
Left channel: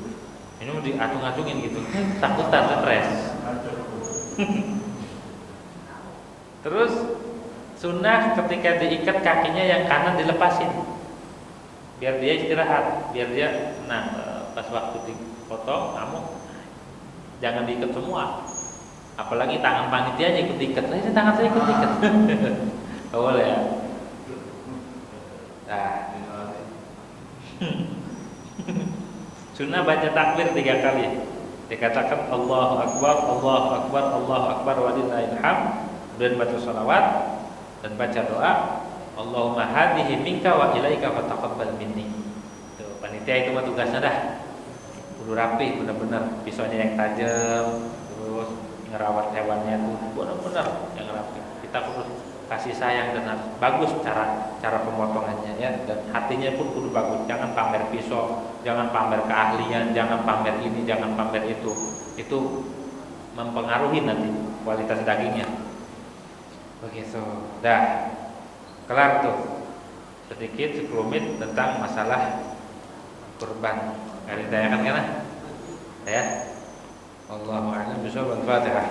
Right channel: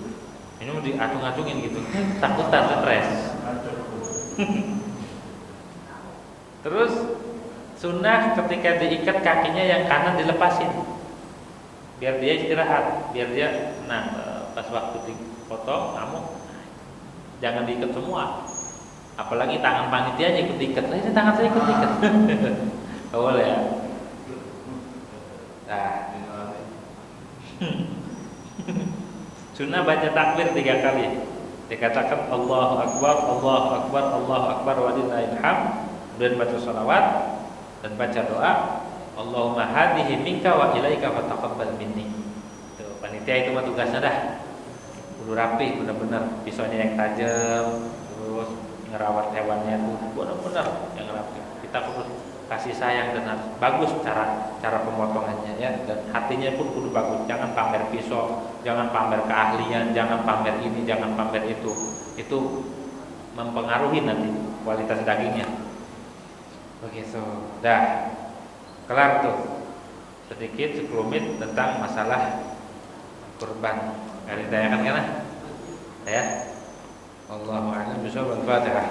ini mau diacung-acungin gitu, takutan, stres. Terus sunnah ketika diikat kakinya yang kanan dilepasin, biar dia istirahat, biar dia pas waktu dipotong kamu jangan diikat semua, apalagi tangan panitianya ikut diikat. Ini tangan saya ikut diikat. Boleh ya. Nah, sunnah baca takbir 3 kali, dikatakan Allahu Akbar, Allahu Akbar, Allahu Akbar walillahil hamd. Kemudian baca sholawat dan baca doa, Allahumma hadihi minka wa ilaika fataqabbal minni. Tuh, panitia itu mah tugasnya dah kudu rapi, benar-benar pisaunya yang tajam, terus ngerawat hewannya itu benar-benar yang rapi. Kita kudu kasih sayang dan bagus cara pemotongannya ya, dan hatinya pun kudu bagus. Jangan pamer pisau, jangan pamer keahlian, jangan pamer ini, jangan pamer itu. Itu mempengaruhi nanti kualitas dagingnya. Begitu, dah kelar tuh sedikit sekelumit tentang masalah kurban. Nggak ditanyakan kan? Ya. Allahu a'lam bishawab. Al-Fatihah.